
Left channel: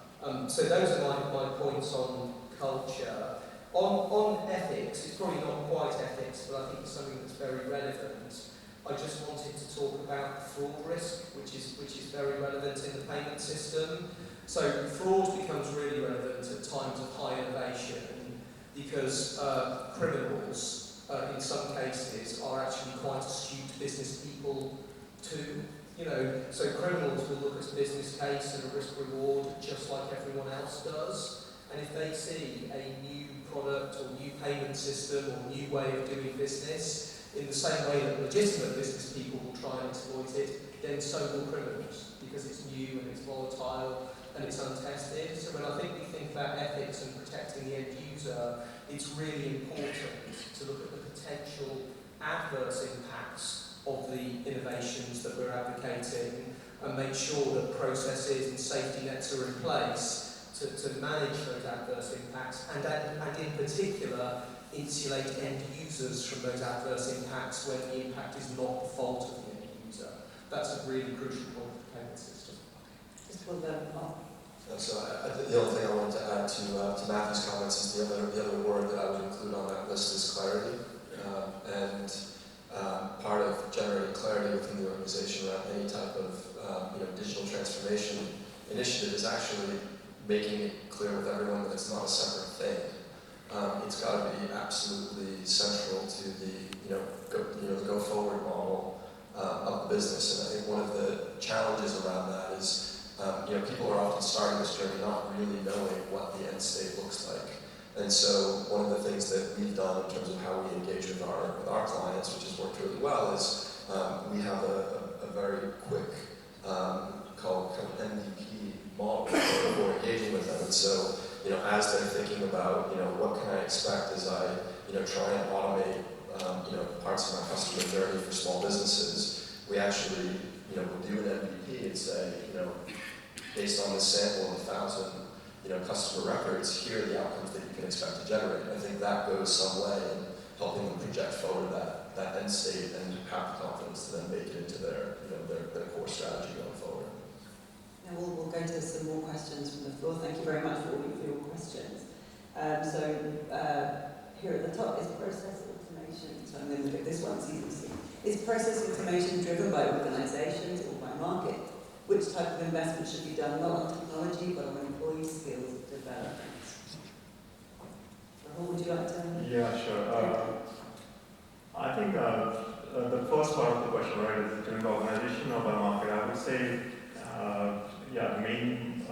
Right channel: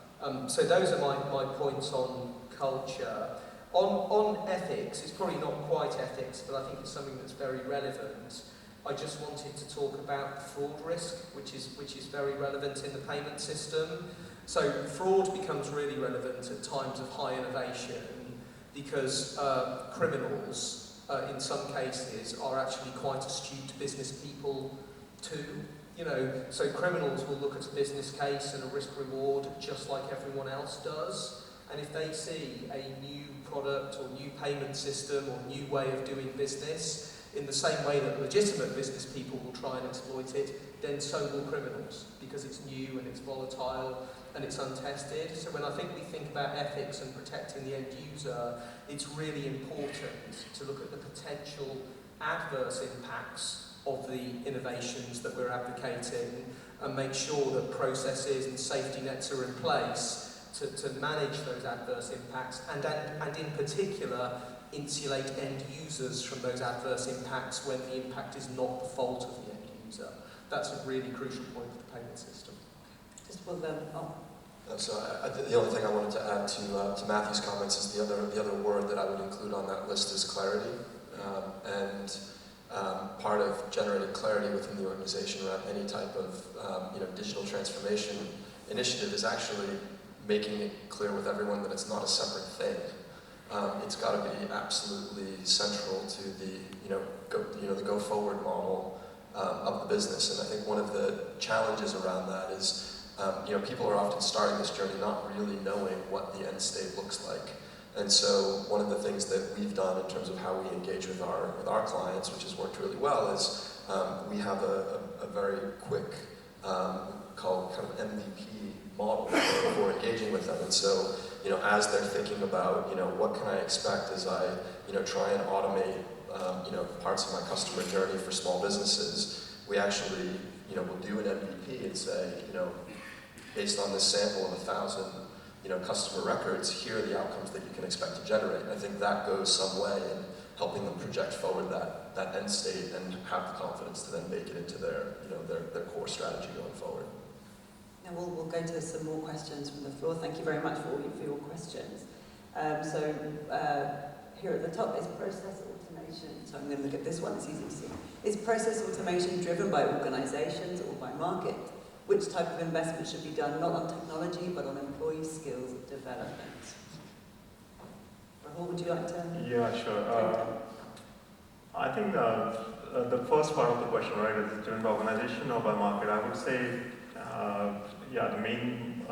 So those are my points on culture. On ethics, it's probably not quite ethics, but I think it's something that's very relevant. I just wanted to talk about fraud risk, which is very relevant in the payment system. So fraud becomes really relevant at times of high innovation because criminals, in some cases, are actually quite astute business people too. So criminals will look at a business case and a risk reward just like everyone else does. and if they see a new product or new payment system or new way of doing business, in the same way that legitimate business people will try and exploit it, then so will criminals, because it's new and it's volatile and it's untested. So when I think we think about ethics and protecting the end user, it's really important to look at the potential adverse impacts of the innovations that we're advocating and make sure that processes and safety nets are in place to manage those adverse impacts and in particular insulate end users from those adverse impacts when the impact is not the fault of the end user. That's a really crucial point of the payment system. Just for the So the only thing I wanted to add to Matthew's comments is the other word that I would include on that list is clarity. Part of generating clarity within the organization around any type of digital transformation initiative is actually making it clear with everyone that it's not a separate thing. It's got to be absolutely central to the go forward model of the business. And I think one of the challenges around that is people are often starting this journey not really knowing what the end state looks like. And so one of the things that we've done in terms of how we engage with our clients, which has worked really well, is we have a very quick called kind of MVP model for engaging with them. And so as they're thinking about what can I expect as I try and automate parts of my customer journey for small businesses, we actually will do an MVP and say based on this sample of 1,000 customer records, here are the outcomes that you can expect to generate. And I think that goes some way in helping them project forward that end state and have the confidence to then make it into their core strategy going forward. Now we'll go to some more questions from the floor. Thank you very much for all of your questions. Here at the top is process automation. So I'm going to look at this one, it's easy to see. Is process automation driven by organizations or by market? Which type of investment should be done not on technology but on employee skills development? Rahul, would you like to? Yeah, sure. I think the first part of the question, right, is driven by organization or by market. I would say, the main,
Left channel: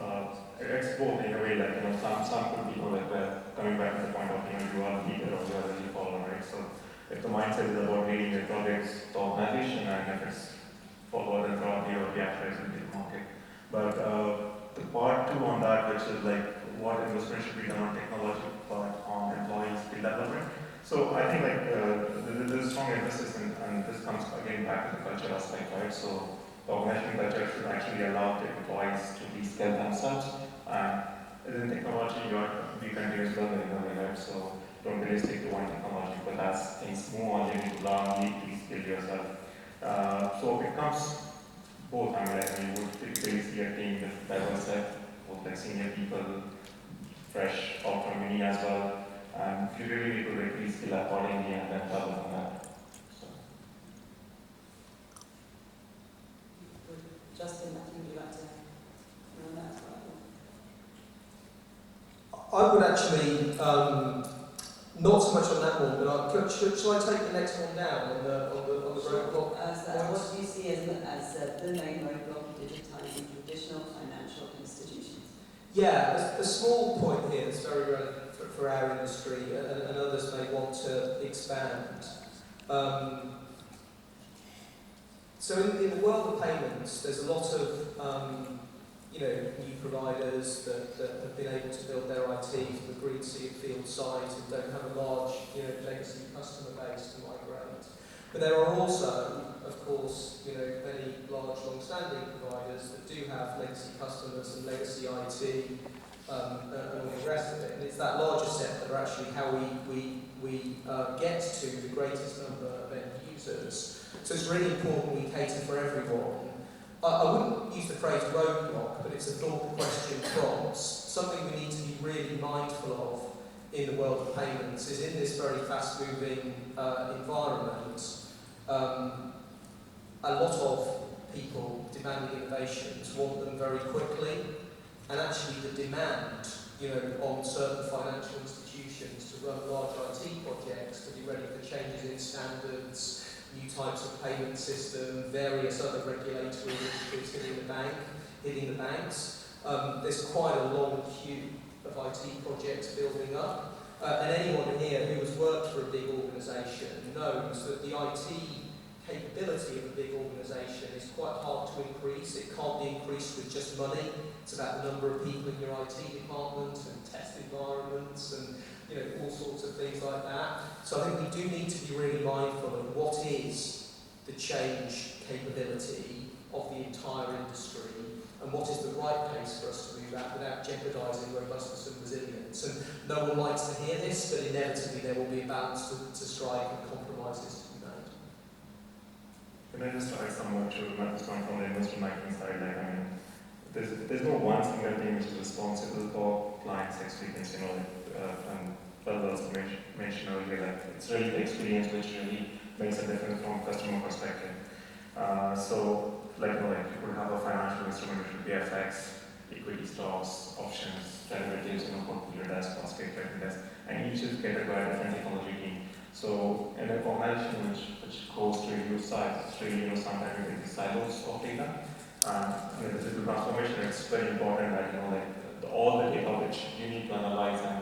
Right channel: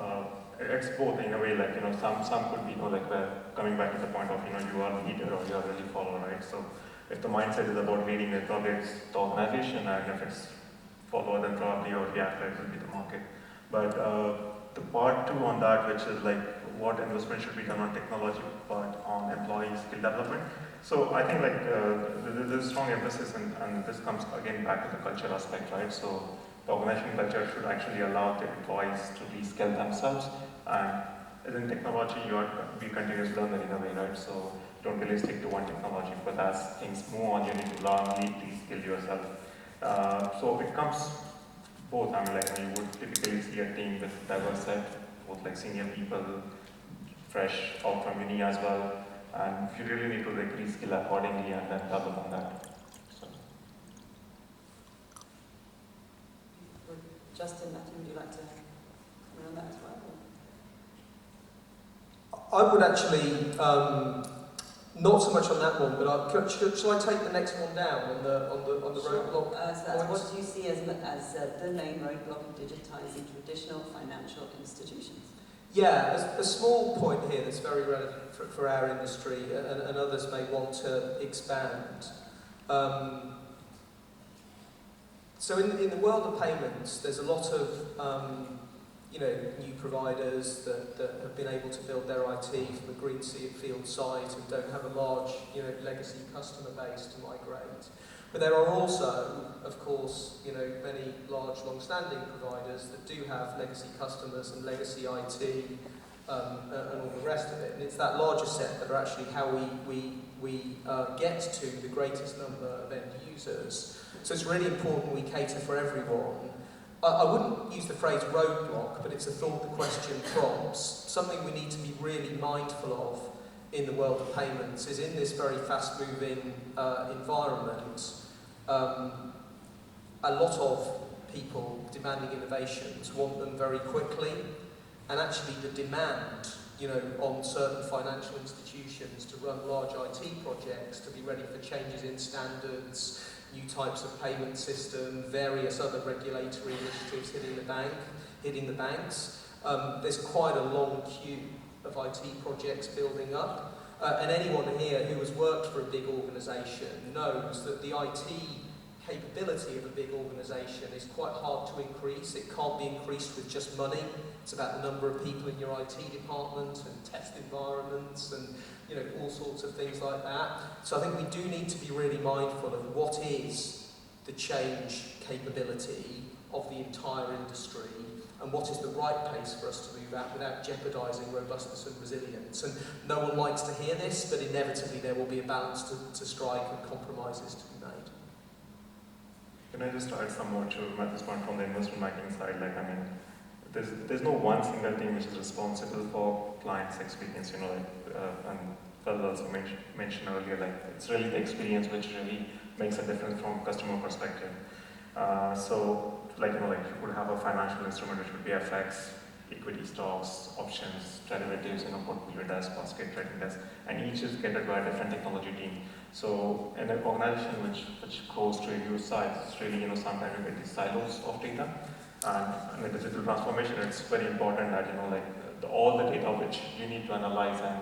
it's both in a way, like, some could be, like, coming back to the point of, you are a leader or you are a lead follower, right? So if the mindset is about leading, then probably it's the organization, and if it's followed, then probably or the actors will be the market. But the part two on that, which is like what investment should be done on technology, but on employee skill development. So I think there's a strong emphasis, and this comes again back to the culture aspect, right? So the organization culture should actually allow the employees to reskill themselves, and in technology, we continuously learn in a way, right? So don't really stick to one technology, but as things move on, you need to learn, reskill yourself. So it comes both. I mean, like, you would typically see a team with diverse set, both like senior people, fresh out from uni as well, and you really need to like reskill accordingly and then double on that. So. Justin, would you like to comment on that as well? I would actually, not so much on that one, but shall I take the next one down on the roadblock? What do you see as the main roadblock of digitizing traditional financial institutions? Yeah, a small point here that's very relevant for our industry, and others may want to expand. So in the world of payments, there's a lot of new providers that have been able to build their IT from a greenfield site and don't have a large legacy customer base to migrate. But there are also, of course, many large, long-standing providers that do have legacy customers and legacy IT and all the rest of it. And it's that larger set that are actually how we get to the greatest number of end users. So it's really important we cater for everyone. I wouldn't use the phrase roadblock, but it's a thought the question prompts. Something we need to be really mindful of in the world of payments is in this very fast-moving environment, a lot of people demanding innovations want them very quickly, and actually the demand on certain financial institutions to run large IT projects, to be ready for changes in standards, new types of payment system, various other regulatory initiatives hitting the banks. There's quite a long queue of IT projects building up. And anyone here who has worked for a big organisation knows that the IT capability of a big organisation is quite hard to increase. It can't be increased with just money. It's about the number of people in your IT department and test environments and all sorts of things like that. So I think we do need to be really mindful of what is the change capability of the entire industry and what is the right pace for us to move at without jeopardising robustness and resilience. And no one likes to hear this, but inevitably there will be a balance to strike and compromises to be made. Can I just add some more to Matthew's point from the investment banking side? There's no one single team which is responsible for clients' experience, and Ferber also mentioned earlier, it's really the experience which really makes a difference from a customer perspective. You could have a financial instrument which would be FX, equity stocks, options, derivatives, portfolio desk, basket trading desk, and each is catered by a different technology team. So in an organization which goes to a huge size, it's really, sometimes you get these silos of data. And in the digital transformation, it's very important that, all the data which you need to analyze and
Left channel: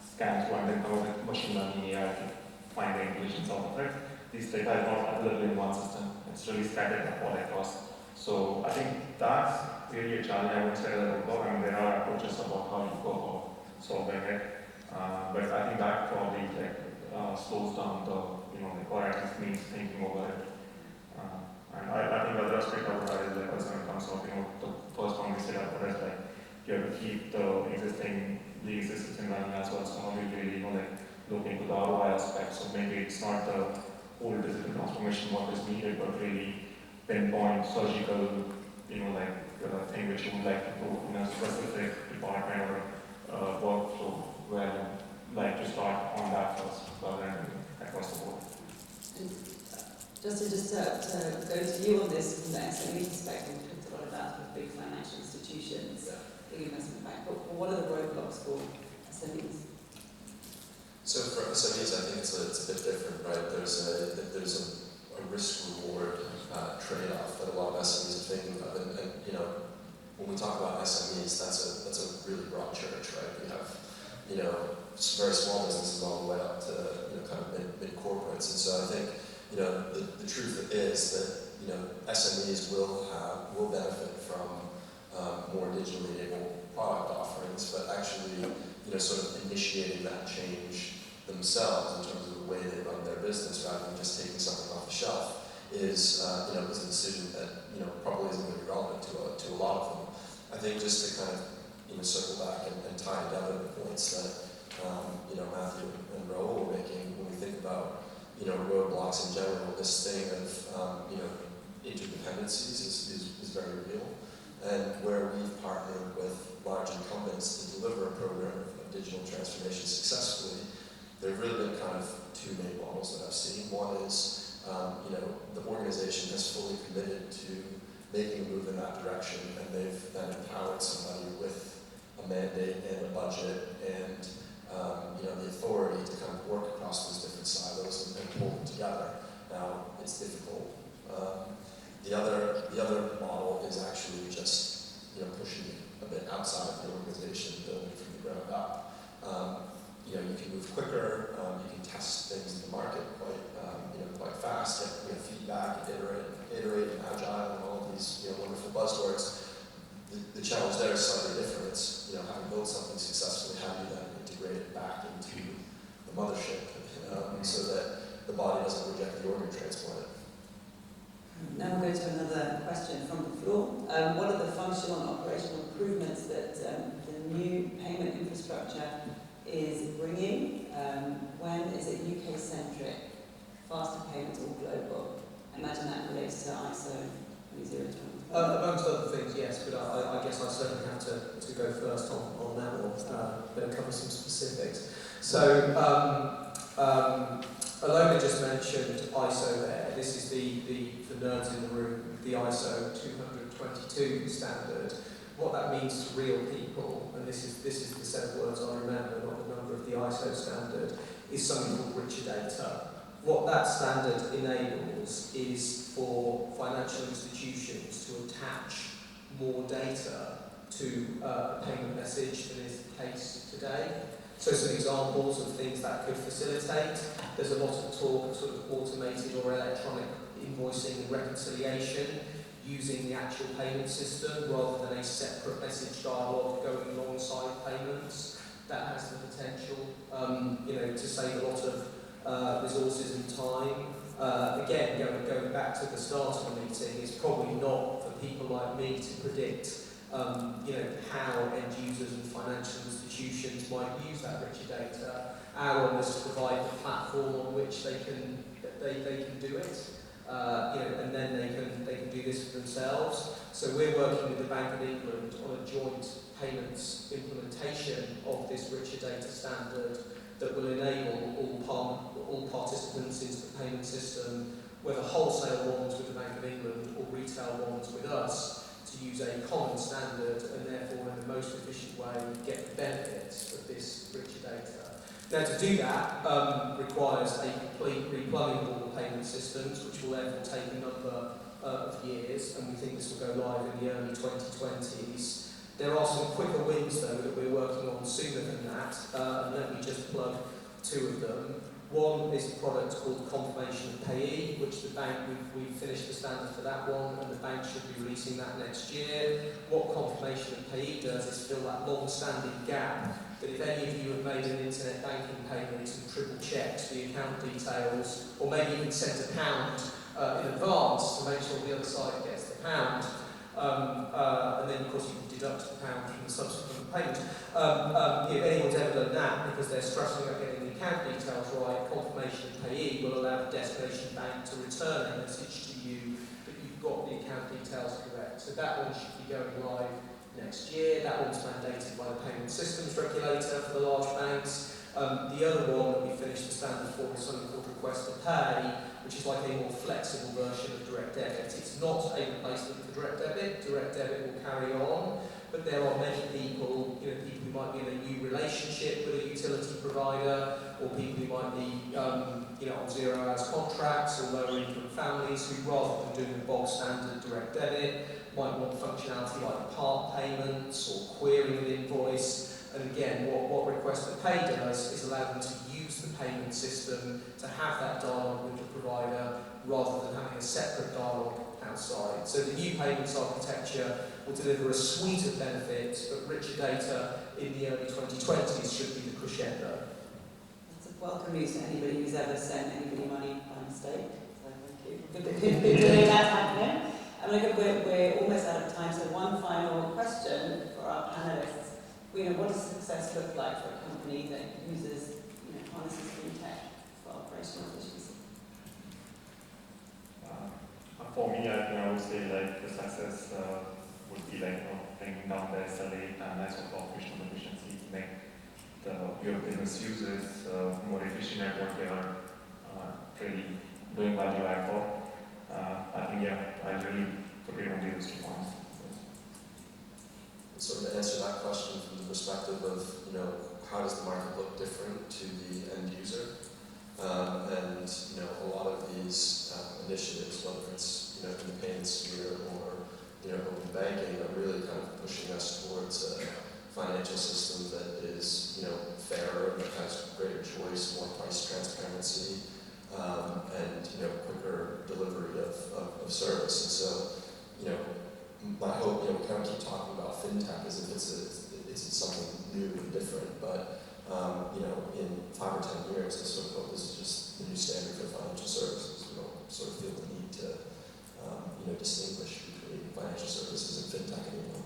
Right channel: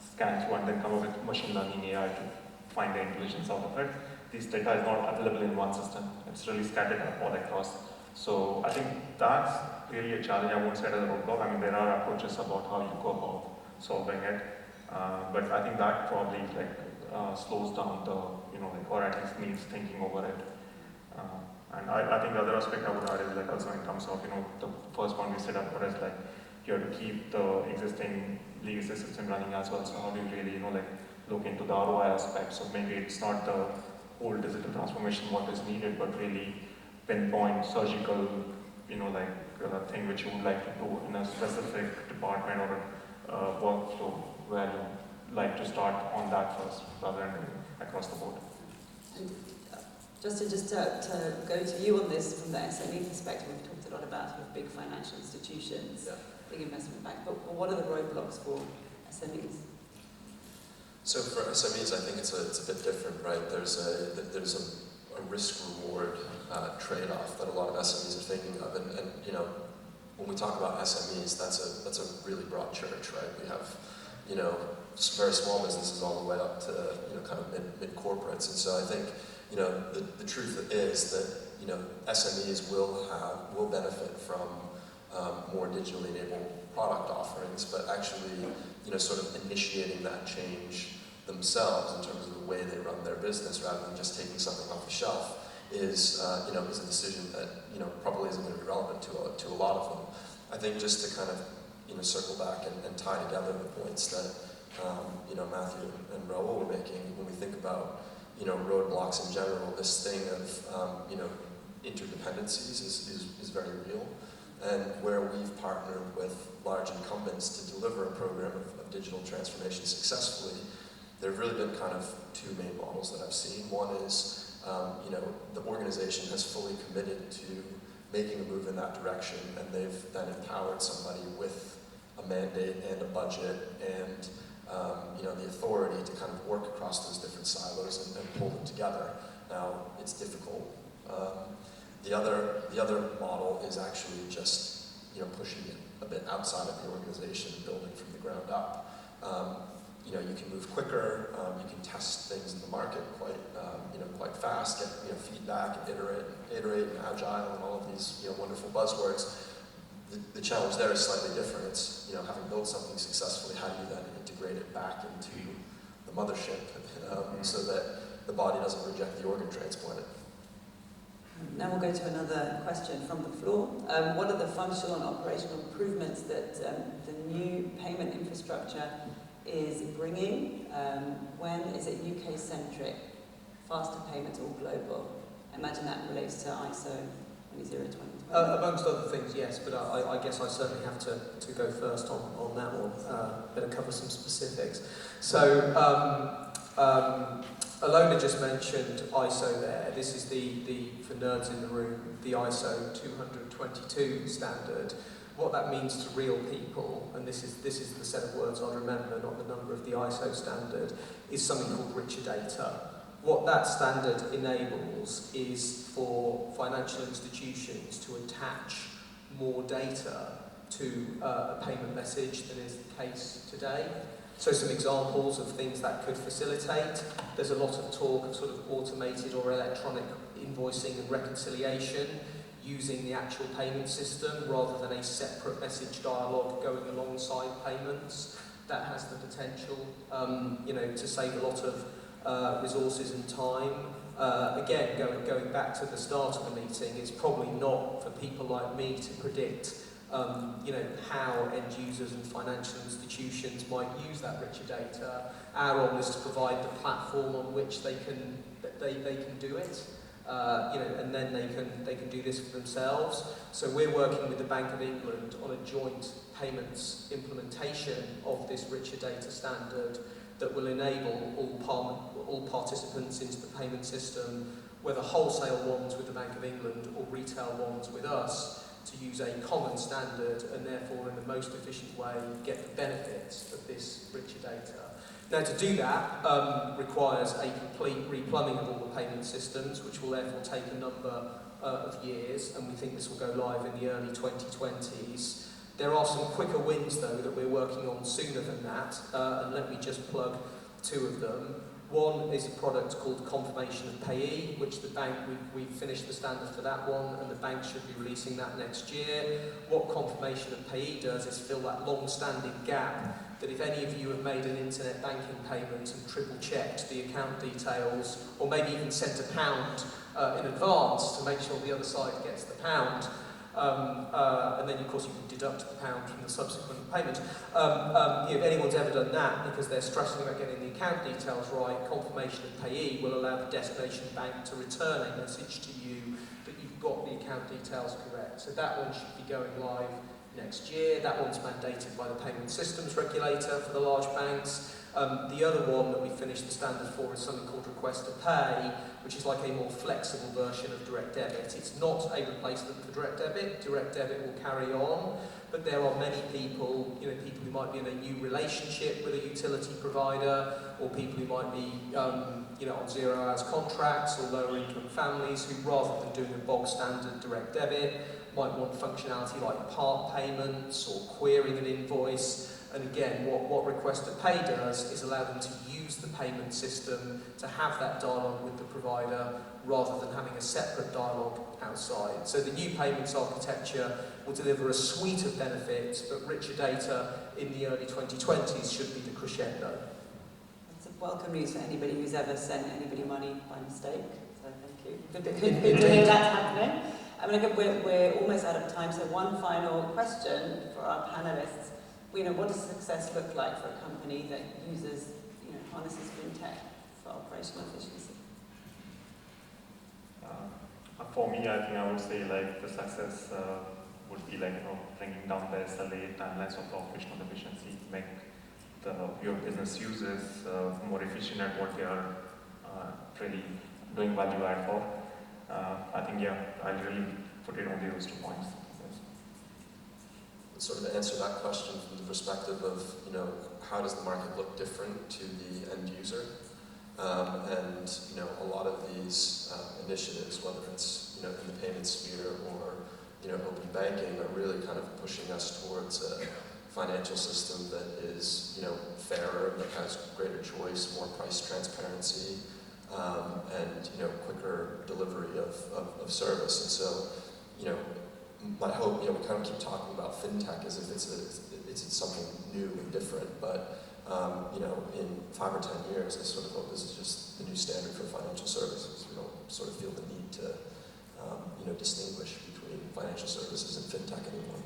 scan through and then come up with machine learning AI to find the intelligence out of it. This data is not available in one system. It's really scattered all across. So I think that's really a challenge. I won't say as a roadblock. There are approaches about how you go about solving it. But I think that probably slows down the, or at least needs thinking over it. And I think the other aspect I would add is also in terms of, the first one we set up was you have to keep the existing legacy system running as well. So how do you really, look into the ROI aspect? So maybe it's not the whole digital transformation what is needed, but really pinpoint surgical, thing which you would like to do in a specific department or workflow where you like to start on that first rather than across the board. And just to go to you on this from the SME perspective, we've talked a lot about big financial institutions, big investment bank, but what are the roadblocks for SMEs? So for SMEs, I think it's a bit different, right? There's a risk-reward trade-off that a lot of SMEs are thinking of, and when we talk about SMEs, that's a really broad church, right? We have very small businesses all the way up to kind of mid corporates, and so I think the truth is that SMEs will benefit from more digitally enabled product offerings, but actually sort of initiating that change themselves in terms of the way they run their business rather than just taking something off the shelf is a decision that probably isn't going to be relevant to a lot of them. I think just to kind of circle back and tie together the points that Matthew and Rahul were making when we think about roadblocks in general, this thing of interdependencies is very real, and where we've partnered with large incumbents to deliver a program of digital transformation successfully, there have really been kind of two main models that I've seen. One is the organization has fully committed to making a move in that direction, and they've then empowered somebody with a mandate and a budget and the authority to kind of work across those different silos and pull them together. Now, it's difficult. The other model is actually just pushing it a bit outside of the organization, building from the ground up. You can move quicker. You can test things in the market quite fast, get feedback, and iterate, and agile, and all of these wonderful buzzwords. The challenge there is slightly different. It's having built something successfully, how do you then integrate it back into the mothership so that the body doesn't reject the organ transplant it. Now we'll go to another question from the floor. What are the functional and operational improvements that the new payment infrastructure is bringing? When is it UK-centric? Faster payments or global? I imagine that relates to ISO 20020. Amongst other things, yes, but I guess I certainly have to go first on that one. Better cover some specifics. So, Alona just mentioned ISO there. This is the for nerds in the room, the ISO 20022 standard. What that means to real people, and this is the set of words I remember, not the number of the ISO standard, is something called richer data. What that standard enables is for financial institutions to attach more data to a payment message than is the case today. So some examples of things that could facilitate. There's a lot of talk of sort of automated or electronic invoicing and reconciliation using the actual payment system rather than a separate message dialogue going alongside payments. That has the potential, to save a lot of resources and time. Again, going back to the start of the meeting, it's probably not for people like me to predict how end users and financial institutions might use that richer data. Our role is to provide the platform on which they can do it, and then they can do this for themselves. So we're working with the Bank of England on a joint payments implementation of this richer data standard that will enable all participants into the payment system, whether wholesale ones with the Bank of England or retail ones with us, to use a common standard and therefore in the most efficient way get the benefits of this richer data. Now to do that requires a complete replumbing of all the payment systems, which will therefore take a number of years, and we think this will go live in the early 2020s. There are some quicker wins though that we're working on sooner than that, and let me just plug two of them. One is a product called Confirmation of Payee, which the bank, we've finished the standard for that one, and the bank should be releasing that next year. What Confirmation of Payee does is fill that long-standing gap that if any of you have made an internet banking payment and triple-checked the account details, or maybe even sent £1 in advance to make sure the other side gets the pound, and then of course you can deduct the pound from the subsequent payment. If anyone's ever done that because they're stressing about getting the account details right, Confirmation of Payee will allow the destination bank to return a message to you that you've got the account details correct. So that one should be going live next year. That one's mandated by the Payment Systems Regulator for the large banks. The other one that we finished the standard for is something called Request to Pay, which is like a more flexible version of direct debit. It's not a replacement for direct debit. Direct debit will carry on, but there are many people, people who might be in a new relationship with a utility provider, or people who might be, on 0 hours contracts or lower income families who, rather than doing a bog standard direct debit, might want functionality like part payments or querying an invoice. And again, what Request to Pay does is allow them to use the payment system to have that dialogue with the provider rather than having a separate dialogue outside. So the new payments architecture will deliver a suite of benefits, but richer data in the early 2020s should be the crescendo. That's a welcome news for anybody who's ever sent anybody money by mistake. So thank you. Good to hear that's happening. We're almost out of time, so one final question for our panellists. What does success look like for a company that uses, harnesses fintech for operational efficiency? For me, I think I would say the success would be bringing down the SLA timelines of the operational efficiency to make your business users more efficient at what they are really doing value add for. I think, I really put it on those 2 points. Sort of to answer that question from the perspective of, how does the market look different to the end user? And, a lot of these initiatives, whether it's, in the payment sphere or, open banking, are really kind of pushing us towards a financial system that is, fairer, that has greater choice, more price transparency, and, quicker delivery of service. And so, my hope, we kind of keep talking about fintech as if it's something new and different, but in 5 or 10 years, I sort of hope this is just the new standard for financial services. We don't sort of feel the need to, distinguish between financial services and fintech anymore.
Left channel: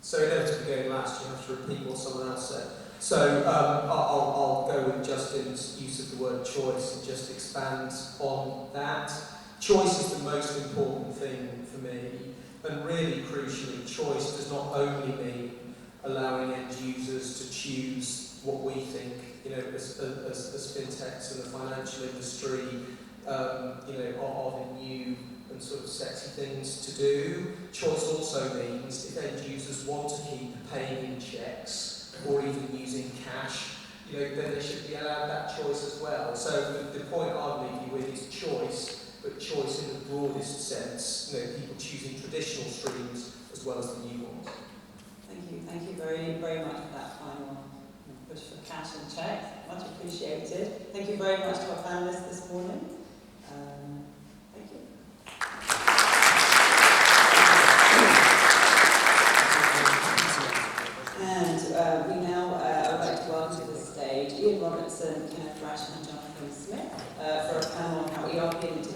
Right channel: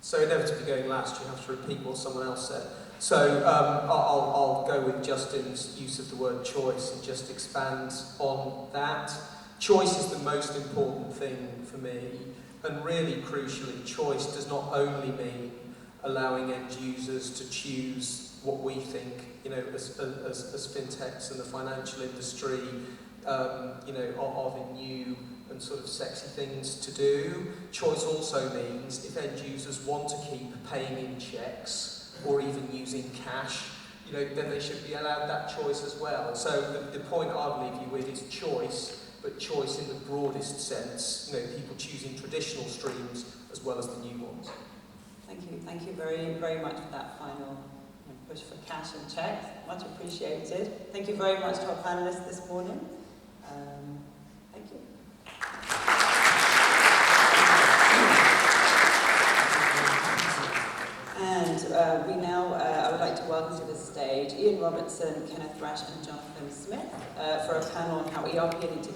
So inevitably going last, you have to repeat what someone else said. So I'll go with Justin's use of the word choice and just expand on that. Choice is the most important thing for me. And really crucially, choice does not only mean allowing end users to choose what we think, as fintechs and the financial industry, are the new and sort of sexy things to do. Choice also means if end users want to keep paying in checks or even using cash, then they should be allowed that choice as well. So the point I'll leave you with is choice, but choice in the broadest sense, people choosing traditional streams as well as the new ones. Thank you very, very much for that final push for cash and checks. Much appreciated. Thank you very much to our panellists this morning. Thank you. And we now, I would like to welcome to the stage Ian Robertson, Kenneth Rash and Jonathan Smith.